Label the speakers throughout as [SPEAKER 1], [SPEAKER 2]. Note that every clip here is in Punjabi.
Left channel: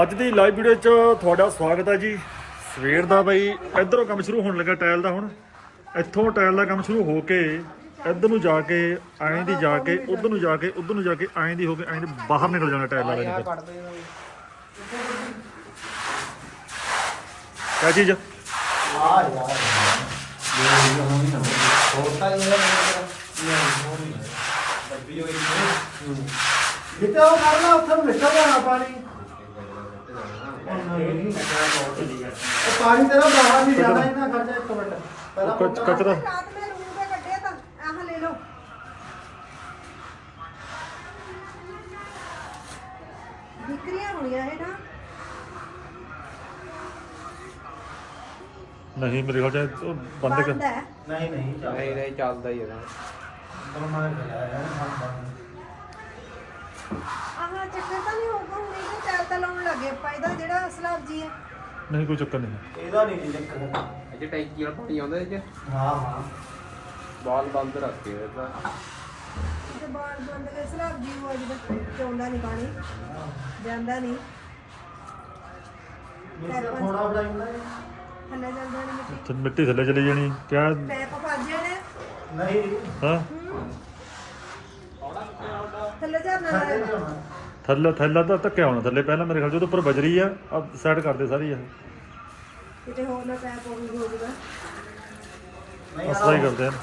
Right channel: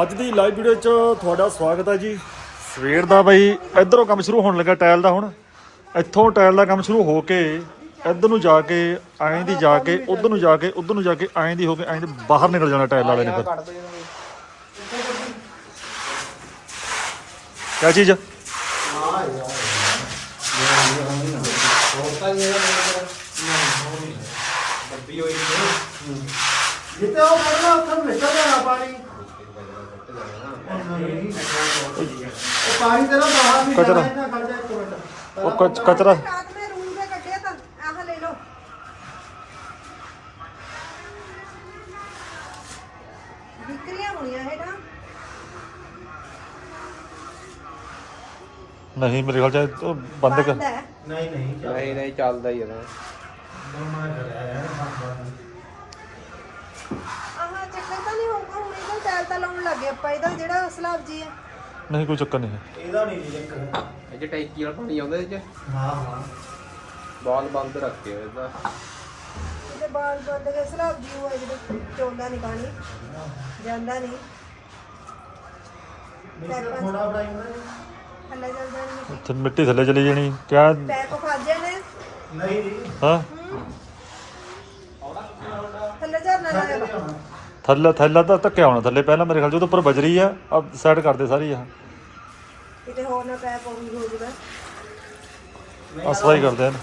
[SPEAKER 1] ਅੱਜ ਦੀ ਲਾਈਵ ਵੀਡੀਓ 'ਚ ਤੁਹਾਡਾ ਸਵਾਗਤ ਹੈ ਜੀ। ਸਵੇਰ ਦਾ ਬਈ ਇਧਰੋਂ ਕੰਮ ਸ਼ੁਰੂ ਹੋਣ ਲੱਗਾ ਟਾਇਲ ਦਾ ਹੁਣ। ਇੱਥੋਂ ਟਾਇਲ ਦਾ ਕੰਮ ਸ਼ੁਰੂ ਹੋ ਕੇ ਇੱਧਰ ਨੂੰ ਜਾ ਕੇ ਐਂ ਦੀ ਜਾ ਕੇ ਉਧਰ ਨੂੰ ਜਾ ਕੇ ਉਧਰ ਨੂੰ ਜਾ ਕੇ ਐਂ ਦੀ ਹੋ ਕੇ ਐਂ ਦੀ ਬਾਹਰ ਨਿਕਲ ਜਾਣਾ ਟਾਇਲ ਵਾਲੇ ਨੇ ਫਿਰ। ਕਿਆ ਚੀਜ਼
[SPEAKER 2] ਜਿੱਤੇ ਉਹ ਕਰਨਾ ਉੱਥੇ ਨਿਕਲ ਜਾਣਾ ਪਾਣੀ ਉਹ ਪਾਣੀ ਤੇਰਾ ਬਾਹਰ ਨਹੀਂ
[SPEAKER 1] ਕਚਰਾ।
[SPEAKER 2] ਜਾਣਾ ਇਹਨਾਂ ਖਰਚਾ ਇੱਕ ਮਿੰਟ।
[SPEAKER 1] ਉਹ ਕਚ- ਕਚਰਾ।
[SPEAKER 3] ਰਾਤ ਮੈਂ ਰੂਮ ਦੇ ਕੱਢਿਆ ਤਾਂ ਆਹ ਲੈ ਲਓ। ਵਿਕਰੀਆਂ ਹੋਣੀਆਂ ਹੈ ਨਾ।
[SPEAKER 1] ਨਹੀਂ ਮੇਰੇ ਖਿਆਲ ਚ ਇਹ ਉਹ ਬੰਦ ਕਰ।
[SPEAKER 3] ਬੰਦ ਹੈ।
[SPEAKER 2] ਨਹੀਂ ਨਹੀਂ
[SPEAKER 4] ਨਹੀਂ ਨਹੀਂ ਚੱਲਦਾ ਹੀ ਆ ਨਾ
[SPEAKER 3] ਚੱਕਰ ਤਾਂ ਨਹੀਂ ਹੋਊਗਾ ਹੁਣ ਇਹਦਾ ਚਾਰ ਤਾਂ ਲਾਉਣ ਲੱਗੇ ਆਪਾਂ ਇਹਦਾ ਜਿਹੜਾ ਸਲਾਬ ਜੀ ਹੈ।
[SPEAKER 1] ਨਹੀਂ ਕੋਈ ਚੱਕਰ ਨਹੀਂ ਹੈ।
[SPEAKER 2] ਇਹਦਾ ਨਹੀਂ ਚੱਕਰ।
[SPEAKER 4] ਇਹ ਟੈਂਕੀ ਵਾਲਾ ਪਾਣੀ ਆਉਂਦਾ ਇਹ ਚ?
[SPEAKER 2] ਹਾਂ ਹਾਂ।
[SPEAKER 4] ਬਾਲ ਬੰਦ ਰੱਖੇ ਹੋਏ ਤਾਂ
[SPEAKER 3] ਇਹਦੇ ਬਾਲ ਬੰਦ ਕੇ ਸਲਾਬ ਜੀ ਉਹ ਜਿਹਦੇ ਚੋਂਦਾ ਨਹੀਂ ਪਾਣੀ। ਜਾਂਦਾ ਨਹੀਂ। ਥੱਲੇ ਜਾਂਦਾ ਨਹੀਂ।
[SPEAKER 1] ਉੱਥੇ ਮਿੱਟੀ ਥੱਲੇ ਚਲੀ ਜਾਣੀ ਕਿਆ?
[SPEAKER 3] ਪੈਪ ਫਸ ਜਾਣੇ
[SPEAKER 2] ਨਹੀਂ ਜੀ।
[SPEAKER 1] ਹਾਂ।
[SPEAKER 2] ਖਰਚਾ
[SPEAKER 3] ਲੱਗਦਾ
[SPEAKER 2] ਨਹੀਂ ਹੋਣਾ।
[SPEAKER 1] ਥੱਲੇ ਥੱਲੇ ਤਾਂ ਧੱਕਿਆ ਹੋਣਾ ਥੱਲੇ ਪਹਿਲਾਂ ਮੇਰੇ ਖਿਆਲ ਚ ਉਹਦੇ ਉੱਪਰ ਬਜਰੀ ਆ ਆ ਸਾਈਡ ਕਰਦੇ ਸਾਰੀ ਆ
[SPEAKER 3] ਕਿਤੇ ਹੋਰ ਨਾ ਪੈਪ ਹੋ ਹੋ ਜਾਊਗਾ
[SPEAKER 1] ਅਸਲਾ ਹੀ ਕਰਦੇ ਹਨ।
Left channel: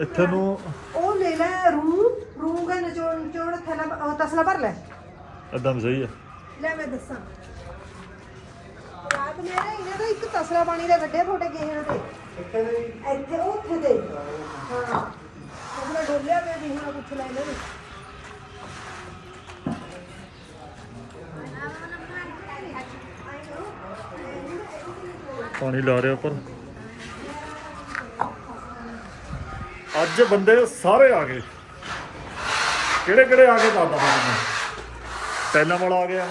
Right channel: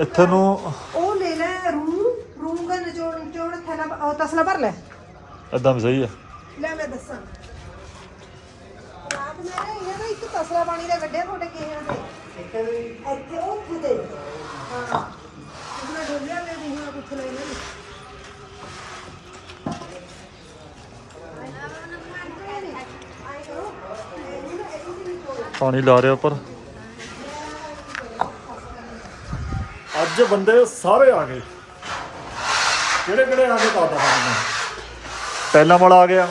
[SPEAKER 1] ਇੱਥੇ ਨੂੰ
[SPEAKER 3] ਉਹ ਲੈ ਲੈ ਰੂ ਰੂ ਦਾ ਨਚੋੜ ਨਚੋੜ ਥੈਲਾ ਉਹ ਤਸਲਾ ਭਰ ਲੈ।
[SPEAKER 1] ਇਦਾਂ ਵੀ ਸਹੀ ਆ।
[SPEAKER 3] ਲੈ ਮੈਂ ਦੱਸਾਂ। ਰਾਤ ਮੈਂ ਨਾ ਇਹ ਤਾਂ ਇੱਕ ਤਸਲਾ ਪਾਣੀ ਦਾ ਕੱਢਿਆ ਤੁਹਾਡੇ ਗੇਹਣ ਤੇ। ਇੱਥੇ ਉੱਥੇ ਤੇ। ਹਾਂ। ਅਗਲਾ ਡੋਲਿਆ ਮੈਂ ਵੀ ਹੁਣ ਪੁੱਛ ਲੈ ਇਹਨਾਂ ਨੂੰ।
[SPEAKER 1] ਪਾਣੀ ਲਾ ਰਿਹਾ ਉੱਪਰ। ਅੱਜ ਬੰਦੇ ਸਾਰੇ ਆ ਗਏ। ਕਿਹੜੇ ਕਿਹੜੇ ਆ ਗਏ ਦੱਸਦਾ ਤੁਹਾਨੂੰ ਟੈਲਾਂ ਵਾਲਾ ਆ ਗਿਆ।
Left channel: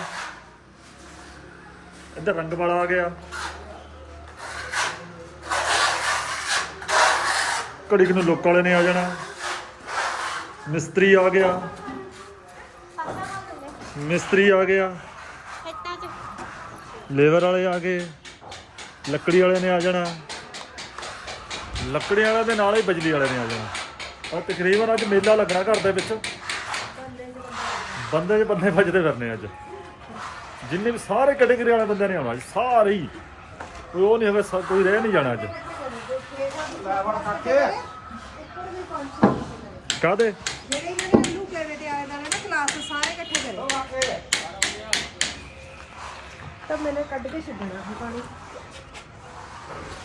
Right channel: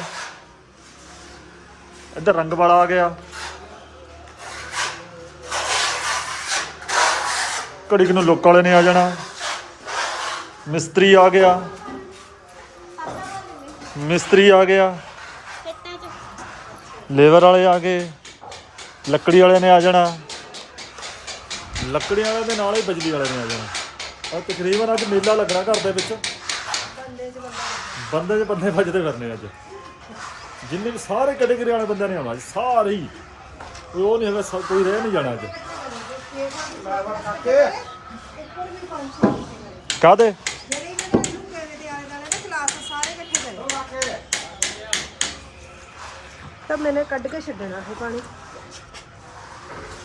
[SPEAKER 1] ਇੱਧਰ ਰੰਗ ਵਾਲਾ ਆ ਗਿਆ। ਘੜੀ ਨੂੰ ਲੋਕ ਵਾਲੇ ਨੇ ਆ ਜਾਣਾ। ਮਿਸਤਰੀ ਆ ਗਿਆ। ਮਿਸਤਰੀ ਆ ਗਿਆ। ਲੇਬਰ ਵਾਲੇ ਆ ਗਏ। ਲੱਕੜੀ ਵਾਲੇ ਨੇ ਆ ਜਾਣਾ। ਲੱਕੜੀ ਵਾਲੇ ਦੇ ਨਾਲ ਹੀ ਬਿਜਲੀ ਵਾਲੇ ਨੇ ਆ ਜਾਣਾ। ਆ ਤਕਰੀਬਨ ਅੱਜ ਮੇਲਾ ਲੱਗਣਾ ਘਰ ਦੇ ਵਿੱਚ। ਬੰਦੇ ਦੇ ਬੰਦੇ ਵੱਜਦੇ ਫਿਰਨੇ ਅੱਜ। ਜਿੰਨੇ ਵੀ ਸਾਰੇ ਕੈਟੇਗਰੀ ਵਾਲੇ ਬੰਦੇ ਨੇ ਆਉਣਾ ਅੱਜ ਸਾਰੇ ਹੀ। ਕੋਈ ਉਹ ਨਹੀਂ ਹੋਵੇ ਕੋਈ ਰਹਿ ਨਹੀਂ ਜਾਣਾ ਅੱਜ। ਕਾਦੇ
[SPEAKER 3] ਜਿਹੜੇ ਇਹਨਾਂ ਨੇ ਮੈਨੂੰ ਕੇਵੇ ਦੇ ਆਲੇ ਦਾਲੇ ਨਾ ਕਲਾਸ ਸਾਰੇ ਇਕੱਠੇ ਕਰੇ ਤਾਂ ਮੈਨੇ ਕੱਢ ਕੇ ਛੱਡਣਾ ਫਿਰ ਪਾਣੀ।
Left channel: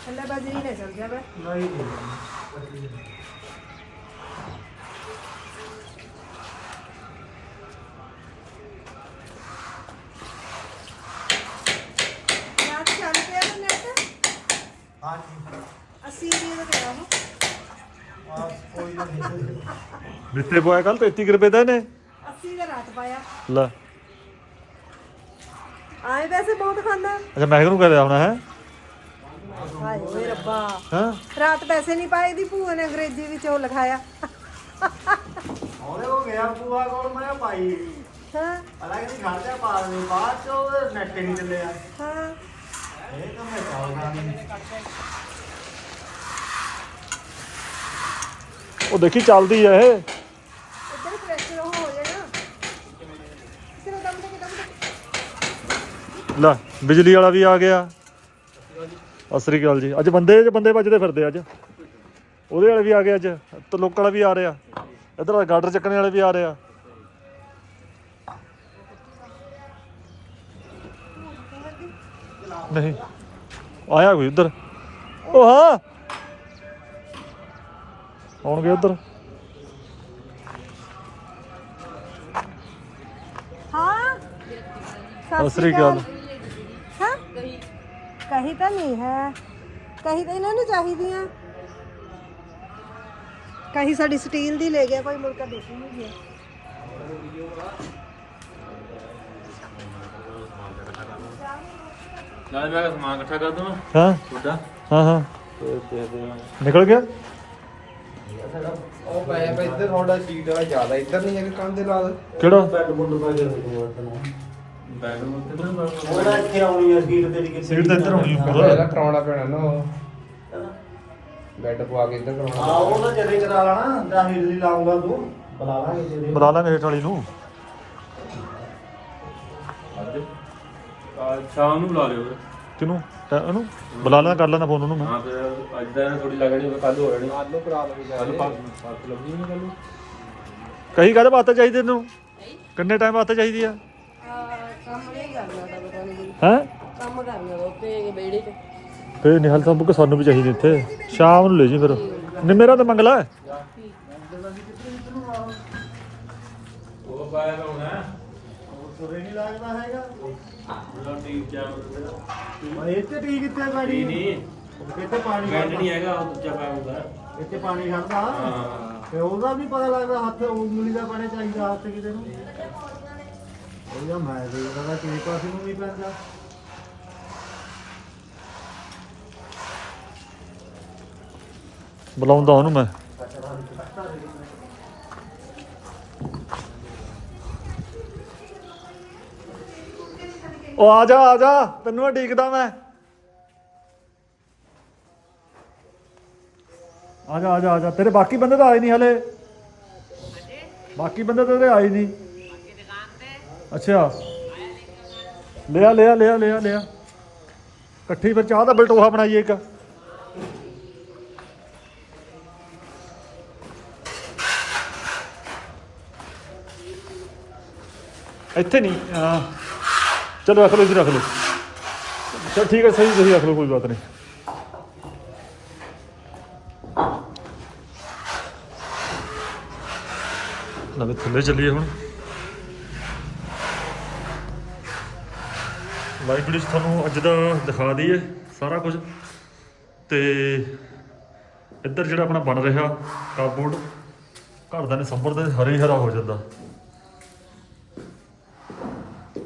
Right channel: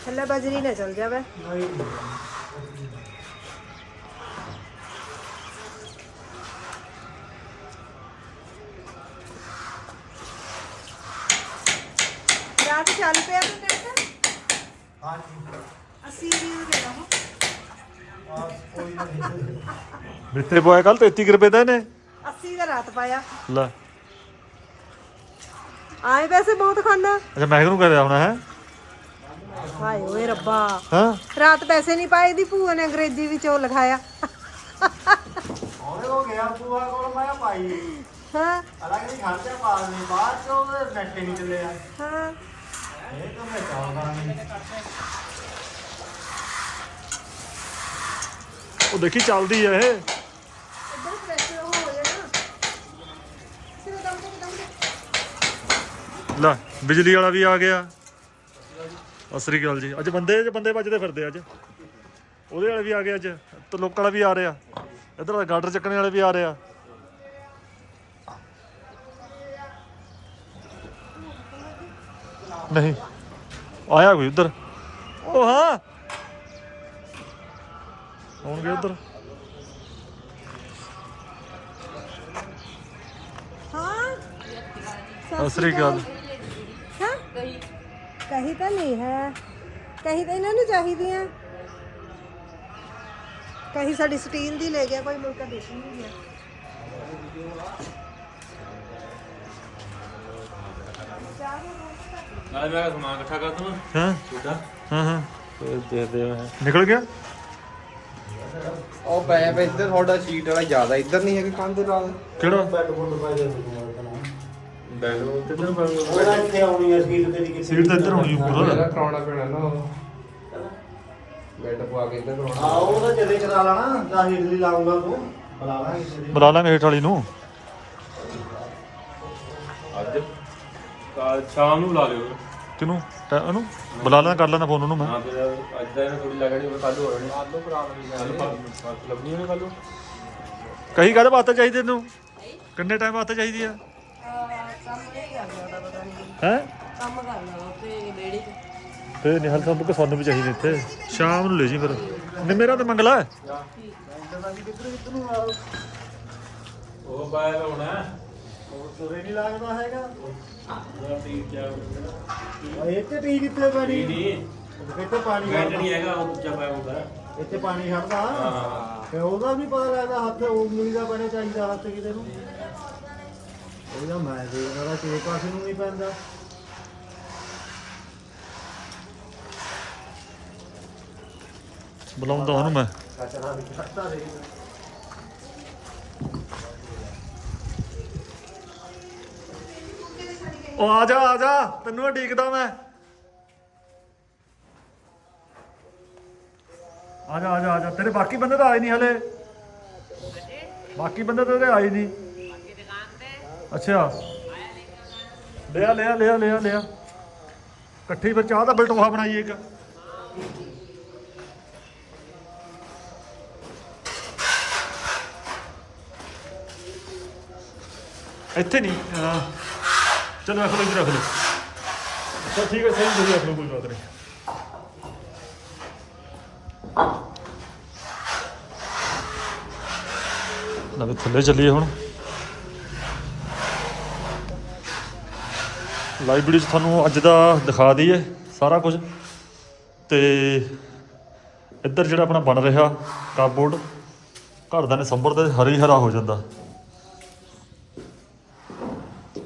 [SPEAKER 3] ਥੱਲੇ ਬਜਰੀ ਨਾ ਚਲ ਜਾਵੇ।
[SPEAKER 2] ਨਹੀਂ ਜੀ
[SPEAKER 3] ਰਾਤ ਚੱਲ ਪਿਆ ਨਾ ਨੈਟ
[SPEAKER 2] ਹਾਂ ਜੀ
[SPEAKER 3] 80 ਰੁਪਏ ਦਾ ਕਿਹਾ
[SPEAKER 2] ਆ ਕੋਈ ਨਹੀਂ।
[SPEAKER 1] ਮਿੱਤਰੇ ਪੋਇਆ ਕੱਲ 33 ਰੁਪਏ ਦਾ ਇਹਨੇ
[SPEAKER 3] 80 ਦਾ ਰਾਤ ਪਾਇਆ।
[SPEAKER 1] ਲੈ।
[SPEAKER 3] ਆਏ ਵੈਸੇ ਬਹੁਤ ਖਾਂਦਾ।
[SPEAKER 1] ਅੱਛਾ ਮੈਂ ਕਿਹਨੂੰ ਕਰਿਆ ਹੋਣਾ ਹੈ?
[SPEAKER 3] ਹਾਏ ਓਏ ਰੱਬਾ।
[SPEAKER 1] ਹਾਂ?
[SPEAKER 3] ਰਾਤ ਪੈਸੇ ਨਹੀਂ ਪਾਏ ਦੀ ਭੂਆ ਨੇ ਅੰਗਰੇਜ਼ੀ ਵਿੱਚ ਉਹ ਲਿਖਾਇਆ।
[SPEAKER 2] ਹੌਲੇ ਹੋ ਗਿਆ ਪੂਆ ਕੋਲ ਮੈਂ ਪਾਈ।
[SPEAKER 3] ਹਾਂ।
[SPEAKER 2] ਅਲੱਗ ਨਹੀਂ ਖਰਚਾ ਪਾ ਨਹੀਂ ਬਾਅਦ ਚ ਉਹ ਨੈਟ ਨਹੀਂ ਚੱਲਿਆ।
[SPEAKER 3] ਹਾਂ।
[SPEAKER 2] ਇਹ ਤਾਂ ਮੈਂ ਚੱਲਦਾ ਨਹੀਂ।
[SPEAKER 1] ਉਹ ਦੇਖੀ ਚੱਲਦੀ ਆ ਇਹ। ਲੈ ਬਿਜਲੀ ਵਾਲਾ ਵੀ ਆ ਗਿਆ। ਅਸਰੀ ਗੱਲ ਜੀ। ਅੱਜ ਬੰਦੇ ਬੰਦੇ ਵੱਜਦੇ ਫਿਰਦੇ ਅੱਜ। ਉਹਦੇ ਵਾਲੇ ਵੀ ਆ ਗਏ ਅੱਜ। ਤੇ ਲੋਕ ਵਾਲਾ ਵੀ ਆ ਰਿਹਾ ਇਧਰ ਗਾਡਰ ਚੱਕਣੇ ਵਾਲੇ ਵੀ ਆ ਰਿਹਾ ਨਹੀਂ। ਆਇਆ ਕੋਈ ਉਧਰ? ਉਹ ਹਾਂ। ਆਉਣਗੇ ਉਧਰ।
[SPEAKER 3] ਹਾਂ।
[SPEAKER 1] ਸਤਿ ਸ੍ਰੀ ਅਕਾਲ।
[SPEAKER 3] ਹਾਂ। ਕਹੀ ਤਾਂ ਨਹੀਂ ਹੈ। ਕਹੀ ਤਾਂ ਇਹਨਾਂ ਨੂੰ ਚਾਹੀਦੀਆਂ। ਕਹੀ ਸਾਡੀ ਸਟੀਲ ਦੀ ਲੈ ਗਿਆ ਕੋਈ ਮੌਕਾ ਦੇਖੀ ਨਹੀਂ ਗਿਆ
[SPEAKER 4] ਨਾ ਮੈਂ ਸਮਾਨ ਇਕੱਠਾ ਕਰ ਦਵਾਂ
[SPEAKER 1] ਹਾਂ।
[SPEAKER 4] ਤੁਹਾਡਾ।
[SPEAKER 1] ਹਾਂ ਹਾਂ।
[SPEAKER 4] ਤੇ ਦੇਖਦੇ ਆ।
[SPEAKER 1] ਨਿਕਲ ਗਿਆ?
[SPEAKER 4] ਉਹ ਪਏ ਪਏ ਇੱਧਰ ਤੁਹਾਡਾ ਸ਼ੀਟ ਵਾਲਾ ਜ਼ਿਆਦਾ ਇੱਧਰ ਨਹੀਂ ਹੈਗੀ ਕੰਧ ਦੇ ਨਾਲ।
[SPEAKER 1] ਕਿਹੜਾ?
[SPEAKER 2] ਬੈੱਡ ਬੁੱਡ ਪੈ ਜਾਂਦੇ
[SPEAKER 4] ਨੂੰ ਤੇ
[SPEAKER 2] ਉਹਦਾ ਇੱਥੇ ਆਉਣੀ ਆ ਸੀਟ ਤੇਰੀ ਕਿੱਥੇ
[SPEAKER 1] ਸੀਟ ਤਾਂ ਇੱਧਰ ਹੋਣੀ ਉੱਪਰ
[SPEAKER 4] ਕਰਾਉਣਾ ਪੈਣਾ ਨਾ ਉਹ। ਬੈੱਡ ਪਵਾ ਕੇ ਇੱਧਰ
[SPEAKER 2] ਹਾਂ
[SPEAKER 4] ਕਰਾਉਣਾ
[SPEAKER 2] ਉਹ ਤਾਂ ਜਦੇ ਕਰਾ ਲੈਣਾ ਜਾਂ ਹਿੱਲੀ ਲਾਉਂਗਾ ਤੂੰ। ਬੁਲਾ ਲਾਂਗੇ ਤੇਰੇ
[SPEAKER 1] ਬੁਲਾ ਲਾਂਗੇ ਹੇਠ ਵਾਲੀ ਨੂੰ।
[SPEAKER 5] ਅੱਜ ਕੱਲ ਸ਼ਾਮ ਨੂੰ ਲਾ ਲਿਓ।
[SPEAKER 1] ਕਿਨੂੰ ਉਹਨੂੰ? ਬੁਲਾ ਲਾਂ ਕਰ ਲੈਣਾ ਫੋਨ ਉਹਨੂੰ ਮੈਂ।
[SPEAKER 5] ਹਾਂ ਫਿਰ ਅੱਜ ਦਾ ਥੋੜੀ ਲੱਗ ਰਹੀ ਕੱਲ ਹੋ ਰਹੀ ਕੱਲ ਨੂੰ ਕਰਾ ਲਵਾਂਗੇ ਕੱਲ ਪਾਸ ਲੱਭਣੀ ਹੈ ਕੱਲ ਨੂੰ।
[SPEAKER 1] ਕਹੀ ਕਾਹਦੇ ਵਾਸਤੇ ਚਾਹੀਦੀ ਤੈਨੂੰ? ਕਿੰਨੇ ਟਾਈਮ ਵਾਸਤੇ ਚਾਹੀਦੀ ਆ
[SPEAKER 3] ਕੰਮ ਨਹੀਂ ਕਰਨਾ ਤਾਂ ਪਤਾ ਨਹੀਂ ਕੋਈ
[SPEAKER 1] ਹੈ?
[SPEAKER 3] ਕੰਮ ਕਰਨਾ ਵਾ ਉੱਤੇ ਵਿਹੜੇ 'ਚ।
[SPEAKER 1] ਫੇਰ ਨਿਹਲ ਤਾਂ ਬੁੱਕ ਸਾਨੂੰ ਵੀ ਚਾਹੀਦੀ ਇੱਥੇ। ਸ਼ਾਮ ਨੂੰ ਲੈ ਜੀ ਫਿਰ। ਨਿਮੇਰਾ ਤਾਂ ਮੰਗ ਲੈ
[SPEAKER 5] ਉਹ ਪਾਇਆ ਹੋਣਾ ਹੈ।
[SPEAKER 2] ਤੁਰੇ ਨਹੀਂ ਲੱਗਦਾ ਹੈਗਾ।
[SPEAKER 5] ਉਹਦਾ ਟੀ ਚਾਰ
[SPEAKER 2] ਇੱਥੇ ਟੀ ਕਿੱਥੇ ਪੈਣੀ?
[SPEAKER 5] ਨਹੀਂ।
[SPEAKER 2] ਉਹ ਕਿੱਥੇ ਪਾਣੀ
[SPEAKER 5] ਬੈਂਡ
[SPEAKER 2] ਖੜਦਾ।
[SPEAKER 5] ਨਹੀਂ ਹੈਗਾ ਉਹ ਦੂਜਾ ਪਾਇਆ ਹੁੰਦਾ।
[SPEAKER 2] ਇੱਥੇ ਪਾਣੀ ਖੜਦਾ।
[SPEAKER 5] ਹਾਂ।
[SPEAKER 2] ਤੇ ਉਹਦਾ ਵੀ ਪਤਾ ਲੱਗਦਾ ਹੱਥ ਉਂਗਲੀ ਦਾ ਪੈਣਾ ਚਾਹੀਦਾ ਹੱਥ ਕਿਤੇ ਨੂੰ। ਉਹਦਾ ਮੈਂ ਦੇਖਦਾ ਕਿ ਪਾਸੇ ਨੂੰ ਨਹੀਂ ਪੈਂਦਾ।
[SPEAKER 1] ਬੁਲਾਉਂਦਾ ਉਹਨੂੰ ਮੈਂ। ਉਹ ਆ ਜਾ ਆ ਜਾ ਤੈਨੂੰ ਮੈਂ ਢੀਕਦਾ ਮੈਂ। ਆ ਜਾ ਆ ਜਾ ਆ ਜਾ ਤੇਰੇ ਬਾਕੀ ਬੰਦੇ ਤਾਂ ਆਏ ਨਹੀਂ ਹਲੇ। ਬਾਕੀ ਬੰਦੇ ਤਾਂ ਤੇਰੇ ਆਏ ਨਹੀਂ ਅੱਛਾ। ਲਿਆ ਲਿਆ ਲਿਆ ਲਿਆ ਲਿਆ। ਇਕੱਠੀ ਫਿਰ ਚਾਹ ਦਾ ਬਲਟੋਹਾ ਬਣਾਈਏ ਇੱਕ। ਇੱਥੇ ਨਹੀਂ। ਹਾਂ। ਚਲੋ ਰੱਖ ਲਓ ਇੱਧਰ ਰੱਖ ਲਓ। ਚਲ ਠੀਕ ਹੈ ਸਹੀ ਤੁਸੀਂ ਰੱਖ ਲਓ, ਕੋਈ ਬਾਤ ਨਹੀਂ। ਨਾਲੇ ਥੱਲੇ ਚੱਲੀਏ ਹੁਣ। ਲਾਈਵ ਵੀਡੀਓ ਤੁਹਾਨੂੰ ਅੱਜ ਦਾ ਦਿਖਾ ਦਈਏ ਸਾਰਾ ਕੁਝ। ਤੇ ਇੱਧਰ ਜਿਹੜਾ ਆਪਣਾ ਬਣ ਰਿਹਾ ਕਾਰਬੋਰਡ, ਘਰ ਦਾ ਨੇ ਦਾ ਦੇ ਹਰੀ ਹਰਾ ਹੋ ਜਾਂਦਾ।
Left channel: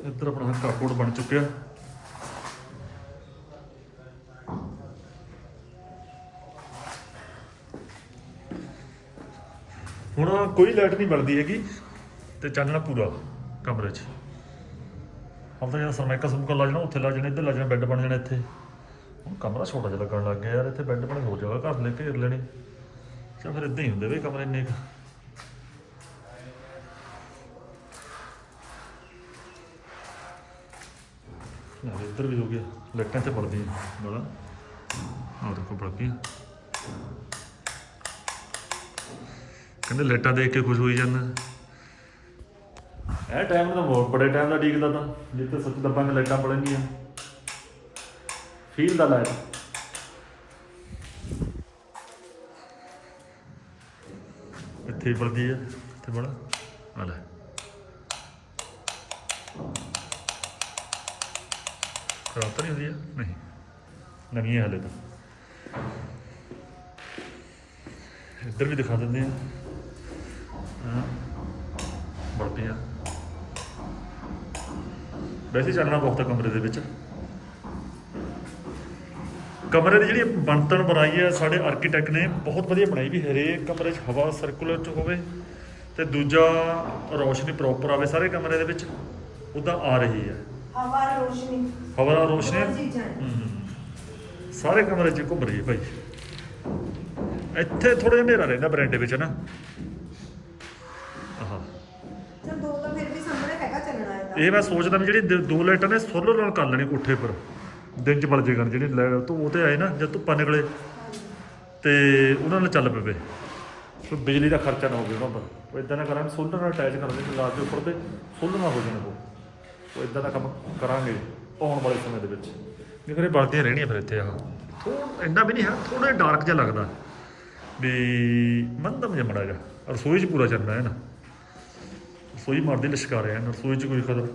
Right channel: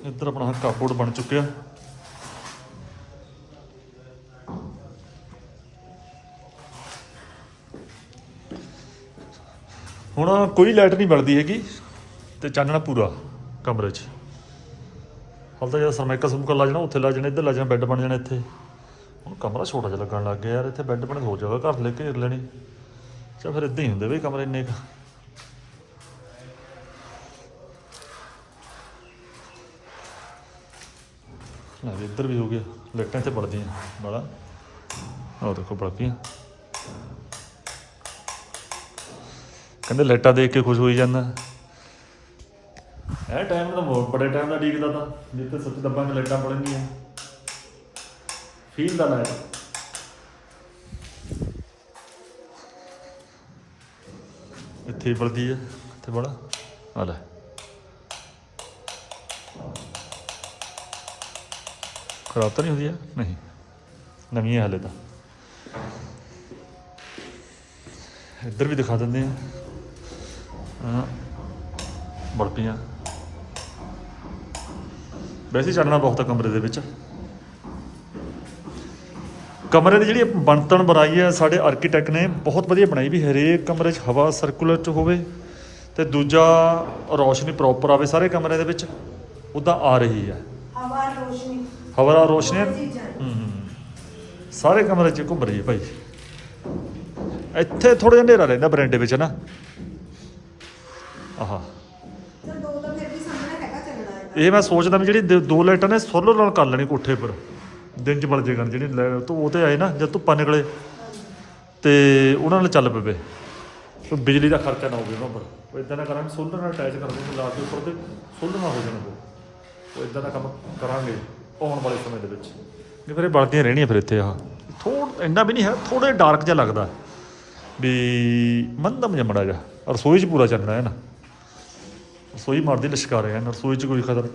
[SPEAKER 1] ਇੱਧਰ ਆਪਣਾ ਕਾਰਬੋਰਡ ਬਣ ਚੁੱਕਿਆ। ਹੁਣ ਕੋਈ ਲਾਈਟ ਨਹੀਂ ਬਲਦੀ ਹੈਗੀ ਤੇ ਚਾਨਣਾ ਪੂਰਾ ਕਮਰੇ 'ਚ। ਹਾਲ ਤਾਂ ਜਦੋਂ ਸਰਮੈਕਾ ਸੁਮਕਾ ਲਾ ਜਾਣਾ, ਉੱਥੇ ਲਾ ਜਾਣਾ, ਇੱਧਰ ਲਾ ਜਾਣਾ, ਬੈੱਡ ਬਣ ਜਾਣਾ ਇੱਥੇ। ਹੁਣ ਕਮਰਾ ਛੋਟਾ ਜਿਹਾ ਲੱਗਣ ਲੱਗ ਗਿਆ ਯਾਰ, ਇੱਥੇ ਬੈੱਡ ਬਣ ਕੇ ਹੋ ਜਾਵੇ ਘਰ ਲੈ ਕੇ ਘੇਰ ਲੈਣੀ। ਚਾ ਫਿਰ ਇਦਾਂ ਹੀ ਹੁੰਦੇ ਬਈ ਕਮਰੇ ਇੰਨੇ ਕੁ। ਲੈ ਇੱਧਰ ਵੀ ਹੋ ਗਿਆ। ਲਾਈਟਾਂ ਤੇ ਬਲਦੀਆਂ ਬੜਾ ਆਹ ਦੇਖੋ ਬਲ ਕਹਿੰਦੇ ਲਾਈਟਾਂ ਦੇਖ ਕੇ ਖੁਸ਼ ਹੋਈ ਜਾਂਦਾ। ਇਹ ਟਾਈਮ ਤਾਂ ਬਹੁਤ, ਬੜੇ ਟਾਈਮ ਦਾ ਡੀਕਦਾ ਤਾਂ। ਜਿੱਥੇ ਸੱਚ ਦੱਬਾਂ ਦੱਬਾਂਗੇ ਲਾਈਟਾਂ ਬਲਣਗੀਆਂ ਫੀਲ ਦਾ ਲਾਈਟ ਇੱਥੇ ਬਲਦੀ ਹੈ ਇੱਥੇ ਬੜਾ ਆ ਲੈ। ਖਰਾਬ ਤਾਂ ਨਹੀਂ ਹੁੰਦੀ ਹੈ ਨਹੀਂ। ਨਵੀਂ ਹੈ ਹਾਲੇ ਤਾਂ। ਇੱਧਰ ਵੀ ਦਿਖਾ ਦਿੰਦੇ ਹਾਂ। ਬਲਪੀਆਂ ਵੈਸੇ ਚੱਲਣਾ ਬਹੁਤ ਆ ਕਮਰੇ ਦੇ ਵਿੱਚ। ਕਮਰੇ ਦੀ ਜਿਹੜੀ ਬਣਤਰ ਬਣਾਈ ਹੈ ਸਾਡੇ ਆਰਕੀਟੈਕਟ ਨੇ ਬਹੁਤ ਵਧੀਆ ਬਣਾਈ ਵੀ ਹਰੇਕ ਕਮਰੇ 'ਚ ਹਵਾ ਸਰਕੂਲਰ 'ਚ ਹੋਵੇ ਤੇ ਦੂਜਾ ਰੋਸ਼ਨੀ ਪ੍ਰੋਪਰ ਆਵੇ ਸਾਰੇ ਕਮਰੇ ਦੇ ਵਿੱਚ ਉਦਾਂ ਆ ਰਹੀ ਹੈ।
[SPEAKER 3] ਹਵਾ ਰੋਸ਼ਨੀ।
[SPEAKER 1] ਹਵਾ ਰੋਸ਼ਨੀ। ਹੂੰ। ਸਾਰੇ ਕਮਰੇ 'ਚ ਘੁੰਮ ਰਹੀ ਹੈ ਭਾਈ। ਇੱਥੇ ਥੋੜਾ ਜਿਹਾ ਹਨੇਰਾ ਲੈਂਦਾ ਬਰੰਡੇ ਵਿੱਚ ਨਾ। ਆਹਾ। ਇਹ ਮੈਂ ਸੋਚਦਾ ਵੀ ਜਿਹੜੀ ਦ- ਦੋ ਲਾਈਟਾਂ ਨੇ ਸੋਲਰ ਨਾਲ ਕਰ ਲੈਣੀ ਕੋਠੇ ਪਰ। ਦਿਨ 'ਚ ਬਲ ਜੇ ਕਰਨ ਜਿਹੜੀ ਲੈ ਤੂੰ ਉਹ ਤੇ ਆਏ ਨਾ, ਜਦ ਧੁੱਪਾਂ ਨਿਕਲੇ। ਤੇ ਉਹਨਾਂ ਨਾਲ ਚੱਲ ਪਵੇ। ਕੋਈ ਬਿਜਲੀ ਦਾ ਖਰਚਾ ਨਾ ਹੋਵੇ ਉਹਨਾਂ ਪਰ। ਉਹ ਇਦਾਂ ਨਾ ਕਰਾਂਗੇ, ਸੋਲਰ ਨਾਲ ਅਟੈਚ ਕਰ ਦੇਣਗੇ ਲਾ ਕੇ ਉੱਪਰ ਤੇ ਸੋਲਰ ਨਾਲ ਹੋ ਜਾਣ ਉਹ। ਉਹ ਇਦਾਂ ਦਾ ਕੰਮ ਕਰਾਂਗੇ ਆਉਣ ਵਾਲੇ ਸਮੇਂ ਦੇ ਵਿੱਚ। ਨਹੀਂ ਫਿਰ ਇਹ ਬਲਦੀਆਂ ਰਹਿਣੀਆਂ ਫਿਰ ਇੱਥੇ ਆ ਥੋੜਾ ਇੰਨਾ ਵੀ ਨਹੀਂ ਹੈ ਥੋੜਾ ਡਾਰਕ ਜਿਹਾ ਲੱਗਦਾ। ਵੀ ਮੰਦਮ ਜਿਹਾ ਜਾ ਰਸੋਈ 'ਚ ਪੂਰਾ ਚੱਲਣਾ ਹੈ ਨਾ। ਰਸੋਈ ਮਾਰਦੀ ਲਿਸ਼ਕਾ ਰਿਹਾ ਨਾ ਰਸੋਈ 'ਚ ਕੋਈ ਖਤਰ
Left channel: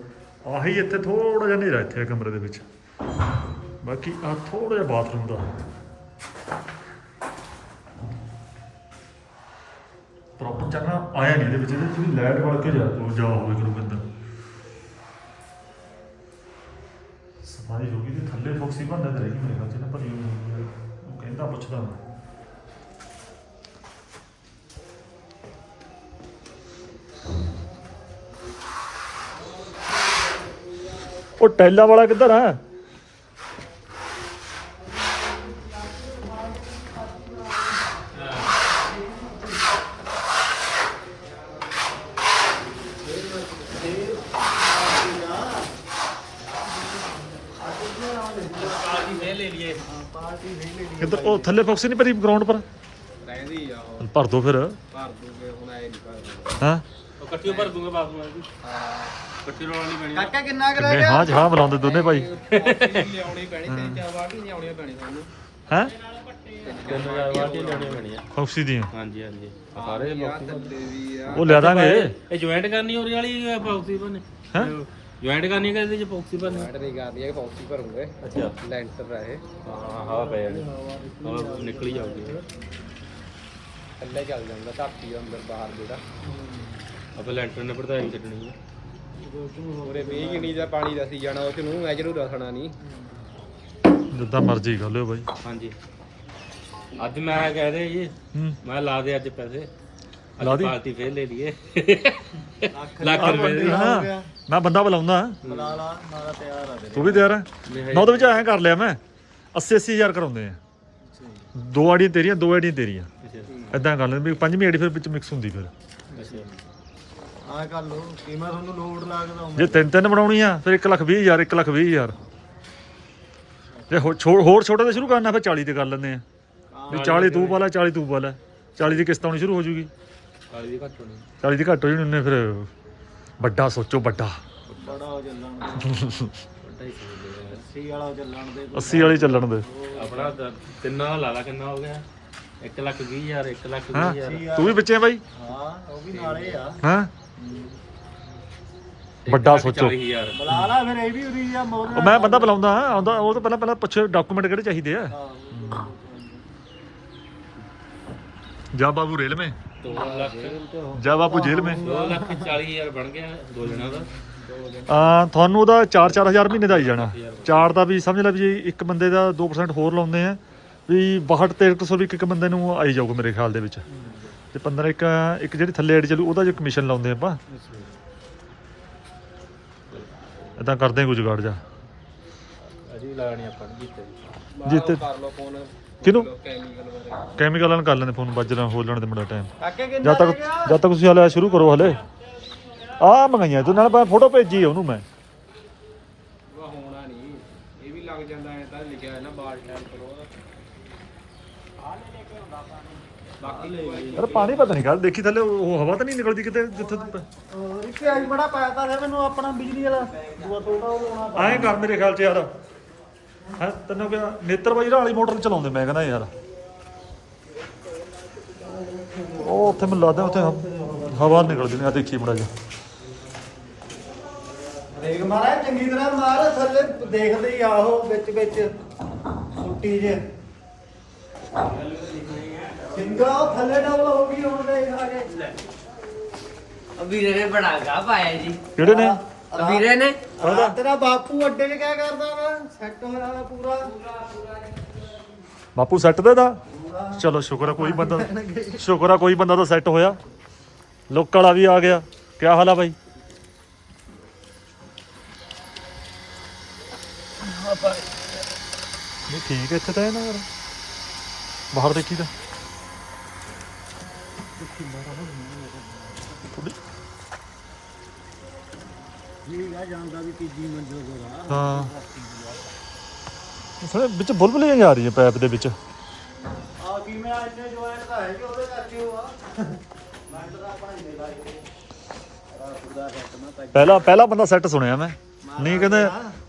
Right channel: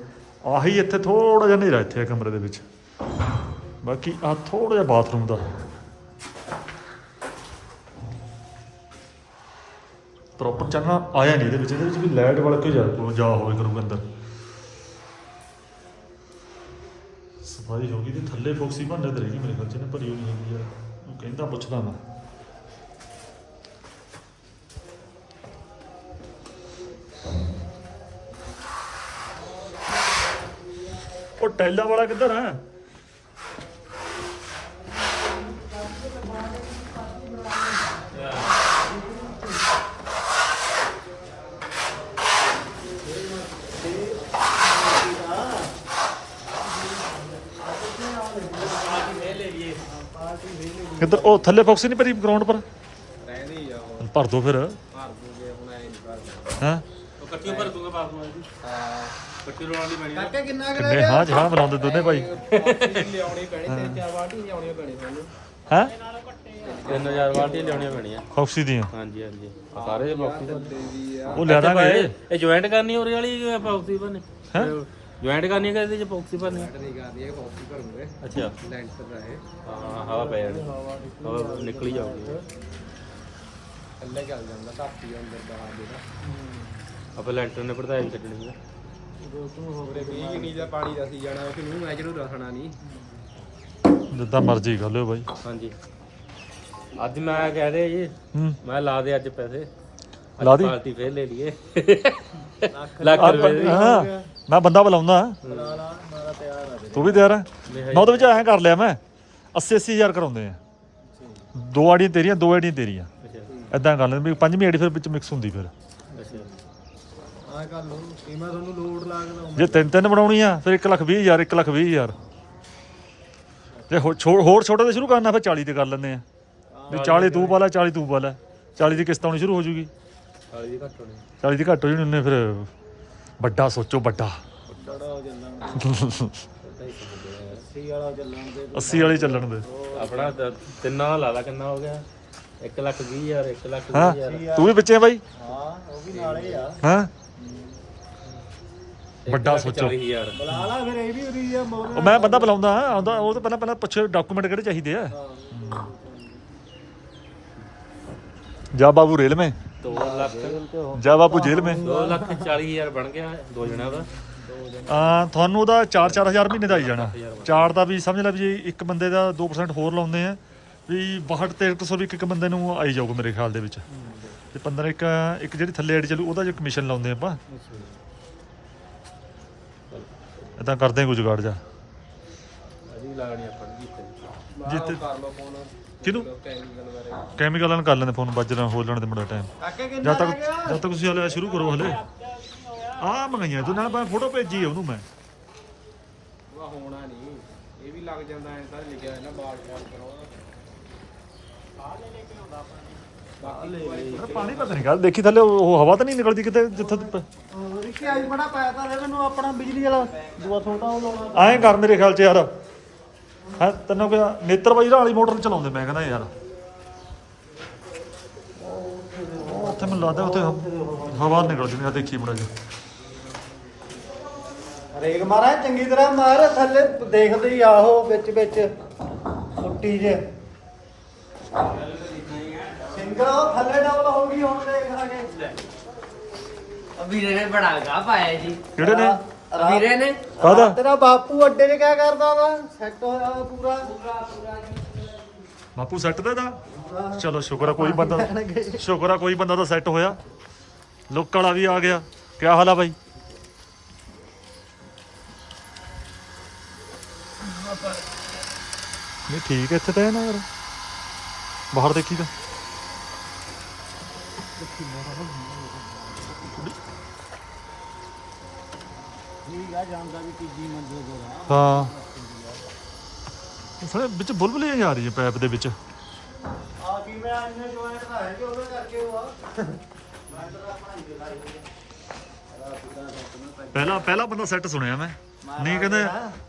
[SPEAKER 1] ਆਹੀ ਇੱਥੇ ਥੋੜਾ ਜਿਹਾ ਹਨੇਰਾ ਇੱਥੇ ਕਮਰੇ ਦੇ ਵਿੱਚ। ਬਾਕੀ ਆ ਥੋੜਾ ਜਿਹਾ ਬਾਥਰੂਮ ਦਾ। ਪ੍ਰੋਪਰ ਚੱਲਣਾ ਆਇਆ ਨਹੀਂ ਇਹਦੇ ਵਿੱਚ ਇਹਦੇ ਵਿੱਚ ਵੀ ਲਾਈਟ ਵਾਲਾ ਕੋਈ ਜਾ ਜਾ ਹੋਵੇ ਕਰੂਗਾ ਅੰਦਰ। ਸਫ਼ਾਈ ਹੋ ਗਈ ਤੇ ਥੱਲੇ ਫੋਕਸੀ ਭਾਂਡੇ ਤੇ ਰਹੀ ਮੇਰੇ ਖਿਆਲ ਚ ਨਾ ਭਰੀ ਹੋਈ ਨਹੀਂ ਯਾਰ ਉਹ ਕਹਿੰਦਾ ਪੁੱਛਦਾ ਨਾ ਉਹ ਟੈਲਾ ਵਾਲਾ ਕਿੱਧਰ ਆ? ਕਿੱਧਰ? ਉਹ ਥੱਲੇ ਫੋਕਸ ਨਹੀਂ ਭਰੀ ਗਰਾਊਂਡ ਪਰ?
[SPEAKER 5] ਰਹਿੰਦੀ ਆ ਉਹ।
[SPEAKER 1] ਭਰ ਦੋ ਫਿਰ।
[SPEAKER 5] ਭਰ ਦੂਗੇ ਹੁਣ ਐ ਨਹੀਂ ਭਰਦੇ
[SPEAKER 1] ਹਾਂ?
[SPEAKER 5] ਕੱਟੀ ਭਰ ਦੂਗੇ ਭਰ ਦੂਗੇ ਹਾਂ। ਕੱਟੀ ਰੋਣ ਵਾਲੀ ਪੈਣੀ
[SPEAKER 2] ਕਾਕਾ ਕਿੰਨਾ ਕੁ
[SPEAKER 1] ਕਿੰਨੇ? ਹਾਂ ਹਾਂ ਬੁਲਾਉਂਦੇ ਦੋਨੇ ਭਾਈ।
[SPEAKER 5] ਲਿਆਉਣੀ ਪੈਣੀ ਤਿੰਨ ਚਾਰ ਵਾਟੀ ਲਿਆਉਣੀਆਂ ਪੈਣੀ ਸਾਨੂੰ।
[SPEAKER 1] ਹੈ?
[SPEAKER 5] ਤਿੰਨ ਚਾਰ ਵਾਟੀ ਲਿਆਉਣੀਆਂ ਪੈਣੀਆਂ।
[SPEAKER 1] ਫੌਕਸੀ ਦੀਆਂ?
[SPEAKER 5] ਹਾਂਜੀ ਹਾਂਜੀ। ਆ ਸਾਰੇ ਬਾਕਸ ਵੀ ਆ।
[SPEAKER 1] ਉਹ ਲਿਆ ਦਾਂਗੇ।
[SPEAKER 5] ਇਹ ਜੁਆਇੰਟ ਕਰਨੀ ਉਹਦੇ ਵਾਲੀ ਪੌਕਸੀ ਬਣੇ
[SPEAKER 1] ਹੈਂ?
[SPEAKER 5] ਜੁਆਇੰਟ ਕਰਨੀ ਕਿ ਇਹਦੇ ਚ ਪੌਕਸੀ ਬਣੇ
[SPEAKER 2] ਜੁਆਇੰਟ ਨਹੀਂ ਕਰਦੀ ਹੈ ਪੌਕਸੀ ਭਰੂਗੇ।
[SPEAKER 5] ਅੱਛਾ।
[SPEAKER 2] ਲੈਂਟਰ ਰਹੇ
[SPEAKER 5] ਹਾਂ ਹਵਾ ਪੈ ਜਾਣੀ। ਹਵਾ ਨਿਕਲ ਹੀ ਜਾਊਗੀ।
[SPEAKER 2] ਥੱਲੇ ਚੱਲ ਜਾਂਦਾ ਧਰਤੀ ਅੰਦਰ ਬਾਹਰ ਜਿਹੜਾ।
[SPEAKER 5] ਆਪੇ ਲੈਂਟਰ ਨੇ ਪੜਤਾਈ ਕੱਢਣੀ ਆ
[SPEAKER 2] ਉਹਦੇ 20 ਕਿੰਨੀ ਦਾ ਪਾਣੀ ਦਾ ਸੀ ਜਾਣਾ ਉਹ ਨੂੰ ਐਜਰੂ ਰਸਣਾ ਨਹੀਂ।
[SPEAKER 1] ਜਿੱਦਾਂ ਮਰਜ਼ੀ ਕਰ ਲਿਓ ਭਾਈ
[SPEAKER 5] ਹਾਂਜੀ। ਅੱਜ ਮੈਂ ਕਹਿ ਦੇ ਜੀ
[SPEAKER 1] ਹੂੰ।
[SPEAKER 5] ਮੈਂ ਲਾ ਦੇ ਅੱਜ ਪੈਸੇ। ਅੱਜ
[SPEAKER 1] ਲਾ ਦੀ?
[SPEAKER 5] ਪਾਰਟੀ ਫੇਰ ਲੈ ਲਈਏ। ਲੱਖ ਰੁਪਏ ਦੀ।
[SPEAKER 1] ਹਾਂ। ਮੈਂ ਬੰਦਾ ਬੁਲਾਉਂਦਾ।
[SPEAKER 2] ਬੁਲਾ ਲਾ ਮਾਰਾ ਤਿਆਰ ਆ ਵੀਰੇ।
[SPEAKER 1] ਤੂੰ ਵੀ ਤਿਆਰ ਹੈ ਮੈਂ ਉਹਦੇ ਵਿੱਚ ਐਂ ਕਰ ਲਿਆ ਮੈਂ 80 80000 ਕਰਾਉਂਦੇ ਆ। ਦੋ ਆੜੀਆਂ ਤੇਰੀਆਂ ਦੋ ਆੜੀਆਂ ਤੇਰੀਆਂ।
[SPEAKER 5] ਅੱਛਾ।
[SPEAKER 1] ਐਦਾਂ ਕਰ ਲੈਂਦੇ ਵੀ ਪੰਜਵੀਂ ਆੜੀ ਫਿਰ ਵਿੱਚ ਮਿਕਸ ਹੁੰਦੀ ਫਿਰ।
[SPEAKER 5] ਅੱਛਾ।
[SPEAKER 2] ਆ ਕਰ ਲੋ ਕੀਮਾ ਤੁਹਾਨੂੰ ਲੋਡ ਲੱਗਦਾ
[SPEAKER 1] ਜੇ ਤਿੰਨ ਤਿੰਨ ਬਣਾਉਣੀ ਆ ਫਿਰ 1 ਲੱਖ 20 ਹਜ਼ਾਰ 1 ਲੱਖ 20 ਹਜ਼ਾਰ। ਜੇ ਹੋ- ਛੋ- ਹੋਰ ਛੋਟਾ ਤੇ ਸ਼ੁਰੂ ਕਰਨਾ ਫਿਰ 40 ਤੇ ਕਰ ਲੈਂਦੇ ਆ। ਵੀ 40 ਤੂੰ ਪਾ ਲੈ 40 ਤੂੰ ਪਾ ਲੈ 40 ਦੀ ਕਿਸ਼ਤ ਆਉਣੀ ਸ਼ੁਰੂ ਹੋ ਜੂਗੀ।
[SPEAKER 5] ਕਾਲੀ ਦੀ ਘੱਟ ਹੋਣੀ।
[SPEAKER 1] 40 ਦੀ ਘੱਟ ਹੋ ਜਾਣੀ ਉਹਨੇ ਫਿਰ ਵੱਡਾ ਸੋਚੋ ਵੱਡਾ।
[SPEAKER 2] ਬੜਾ ਹੋ ਚੱਲਣ ਦੇ।
[SPEAKER 5] ਵੱਡਾ ਹੀ ਸਮਝਦੇ ਆ ਯਾਰ।
[SPEAKER 2] 80 ਵਾਲਾ ਚੱਲਣ ਦੇ।
[SPEAKER 1] 80 ਵਾਲੀ ਚੱਲਣ ਦੇ।
[SPEAKER 5] ਆਪਣਾ ਦ- ਤਿੰਨਾਂ ਲਾ ਲਾ ਕਿੰਨਾ ਹੋ ਗਿਆ। 1 ਲੱਖ 20 ਹਜ਼ਾਰ 1 ਲੱਖ 20
[SPEAKER 1] ਹਾਂ
[SPEAKER 5] ਹਜ਼ਾਰ।
[SPEAKER 1] ਤੂੰ ਵੀ ਵਿੱਚੇ ਬਾਈ।
[SPEAKER 2] ਹਾਂ ਉਹ ਵੀ ਨਾਲੇ ਆ।
[SPEAKER 1] ਹਾਂ। ਵੱਡਾ ਸੋਚੋ।
[SPEAKER 5] 40 ਹਜ਼ਾਰ
[SPEAKER 2] ਬੁਲਾ ਲਾ ਫਿਰ ਇਹ ਵੀ ਉਰੀ ਆ ਮੋਰ
[SPEAKER 1] ਉਹ ਮੈਂ ਬੰਦਾ ਬੁਲਾਉਂਦਾ ਆਉਂਦਾ ਉਹ ਤੋਂ ਪਹਿਲਾਂ ਪਹਿਲਾਂ ਪੁੱਛ ਡਾਕੂਮੈਂਟ ਕਿਹੜੇ ਚਾਹੀਦੇ ਆ?
[SPEAKER 2] ਹਾਂ।
[SPEAKER 1] ਜਾ ਬਾਬੂ ਰੇਲ ਮੇ।
[SPEAKER 5] 2 ਲੱਖ।
[SPEAKER 1] ਜਾ ਬਾਬੂ ਜੇਲ੍ਹ ਮੇ।
[SPEAKER 5] 2 ਲੱਖ 40 ਹਜ਼ਾਰ ਬਣ ਗਿਆ ਦੋ ਜਣਾਂ ਦਾ।
[SPEAKER 1] ਆ ਤੁਹਾਨੂੰ ਉਹਦਾ 4-4000 ਮਹੀਨੇ ਦਾ ਆਈ ਜਾਣਾ। ਚਾਰ ਦਾ ਵੀ ਸਮਝ ਲੈ ਵੀ ਜੇ ਇੱਕ ਬੰਦੇ ਦਾ 2% ਹੋਰ ਲਾਉਂਦੇ ਆ ਵੀ 62 1300 ਵੀ ਇੱਕ ਇੱਕ ਬੰਦੇ ਨੂੰ ਆਈ ਜਾਊਗਾ ਮੇਰੇ ਖਿਆਲ ਦੇ ਵਿੱਚ। ਤੇ 15 ਇੱਕ ਇੱਕ ਜਿਹੜੀ ਥੱਲੇ ਐਡ ਚੱਲੂ ਉਹਦਾ ਜੋ ਕਮਿਸ਼ਨ ਲਾਉਂਦੇ ਆਪਾਂ। ਇਦਾਂ ਕਰਦੇ ਕੁਝ ਜੁਗਾੜ ਜਾ।
[SPEAKER 5] ਅਸੀਂ ਲਾਣੀ ਆਪਾਂ ਜਿੱਤੇ
[SPEAKER 1] ਜਿੱਤੇ ਕਿਹਨੂੰ ਕੈਮੀਕਲ ਨਾਲ ਕਰ ਲੈਂਦੇ ਫੋਨ ਵੱਜ ਲੈਣ ਹੋ ਲੈਣ ਦੇ ਮੁੰਡਾ ਟਾਈਮ ਜਦ ਤੱਕ ਜਦ ਤੱਕ ਤੁਸੀਂ ਹਲੇ ਸ਼ੁਰੂ ਕਰੋ ਹਲੇ। ਆ ਮੰਗਾਈਆਂ ਤੂੰ ਨਾਲ ਫੋਟੋ ਭੇਜੀ ਉਹਨੂੰ ਮੈਂ।
[SPEAKER 2] ਉਹ ਹੋਣਾ ਨਹੀਂ ਇਹ ਵੀ ਲੱਗ ਜਾਂਦਾ ਐ ਤਾਂ ਲਿਖਿਆ ਹੈ ਨਾ ਬਾਲ
[SPEAKER 1] ਅਰੇ ਪਾਣੀ ਪਤਾ ਨਹੀਂ ਕੱਲ ਦੇਖੀ ਥੱਲੇ ਉਹ ਹਵਾ ਤਾਂ ਨਹੀਂ ਨਿਕਲਦੀ ਕਿਤੇ ਜਿੱਥੇ ਤੂੰ
[SPEAKER 2] ਅੱਜ ਬੜਾ ਪਾਇਆ ਤਾਂ ਮੈਨੂੰ ਆਪਣਾ ਬਿਜਲੀ ਵਾਲਾ। ਦੂਆ ਛੋਟਾ ਉਹ ਲਾਉਣਾ।
[SPEAKER 1] ਐਂ ਕਰ ਮੇਰੇ ਖਿਆਲ ਚ ਯਾਰ। ਹਾਂ ਤੈਨੂੰ ਕਿਹਾ ਨੇਤਰ ਬਾਈ ਵਾਲੀ ਮੋਟਰ ਚਲਾਉਂਦੇ ਮੈਂ ਕਹਿੰਦਾ ਯਾਰ। ਉਹ ਉੱਥੇ ਮੈਨੂੰ ਲੱਗਦਾ ਉੱਥੇ ਹਵਾ ਨਿਕਲਦੀ ਨਹੀਂ ਆ ਦੇਖੀ ਮੜਾ ਜਾ
[SPEAKER 2] ਰੇਗ ਮਾਰਾ ਚੰਗੀ ਤਰ੍ਹਾਂ ਮਾਰ ਥੱਲੇ ਦੇਖਦੇ ਹੀ ਆਹੋ ਵਿੱਚ ਵਿੱਚ। ਫੁੱਟੀ ਜੇ। ਸਿੰਗਾ ਉਹ ਥੱਲੇ ਡਬਲ ਹੋ ਗਈ ਹੁਣ ਦੇਖ ਲਾਂਗੇ।
[SPEAKER 6] ਵੀਰੇ ਨੇ ਬੜਾ ਗਾ ਪਾਇਆ ਜੀ
[SPEAKER 1] ਕਿਹੜੇ ਨੇ?
[SPEAKER 6] ਵੀਰੇ ਨੇ।
[SPEAKER 1] ਕਾਹਦਾ
[SPEAKER 2] ਤੇਰਾ ਬਾਪੂ ਅੱਡੇ ਨੇ ਕਿਆ ਕਰਦਾ ਵਾ? ਸੈੱਟ ਹੋਇਆ ਵਾ ਪੂਰਾ।
[SPEAKER 1] ਬਾਪੂ ਸੈੱਟ ਦੇ ਦਾ ਚਲੋ ਸ਼ੁਕਰ ਆ ਕੋਈ ਬੰਦਾ ਸ਼ੁਕਰ ਆ ਕੋਈ ਬੰਦਾ ਤਾਂ ਸੈੱਟ ਹੋਇਆ। ਲੋਕ ਵਾਲਾ ਵੀ ਆ ਗਿਆ। ਕੀ ਹਾਲ ਆ ਬਾਈ? ਨਹੀਂ ਠੀਕ ਹੈ ਇੱਥੇ ਤਾਂ ਨਾ ਯਾਰ। ਬਾਹਰ ਦੇਖੀ ਤਾਂ। ਥੋੜੀ
[SPEAKER 2] ਠੀਕ ਆ ਜਾਂਦਾ ਵੀ ਤੀਜੀ ਮੰਜ਼ਿਲ ਕੋਲ ਆ
[SPEAKER 1] ਹਾਂ ਥੋੜੇ ਵਿੱਚ ਬੁਲਬੁਲੀਆਂ ਜਾ ਰਹੀ ਹੈ ਪੈਪ ਦੇ ਵਿੱਚ।
[SPEAKER 2] ਆ ਕੀ ਮੇਰਾ ਅੱਜ ਨੇ ਜੋਇਆ ਤਾਂ ਹੈ ਕਿ ਉਹਦੇ ਕਰਕੇ ਉਹ ਆ
[SPEAKER 1] ਪਹਿਲਾ ਪਹਿਲਾ ਬੰਦਾ ਸੈੱਟ ਸੁਣਿਆ ਮੈਂ। ਨਹੀਂ ਕਹਿੰਦੇ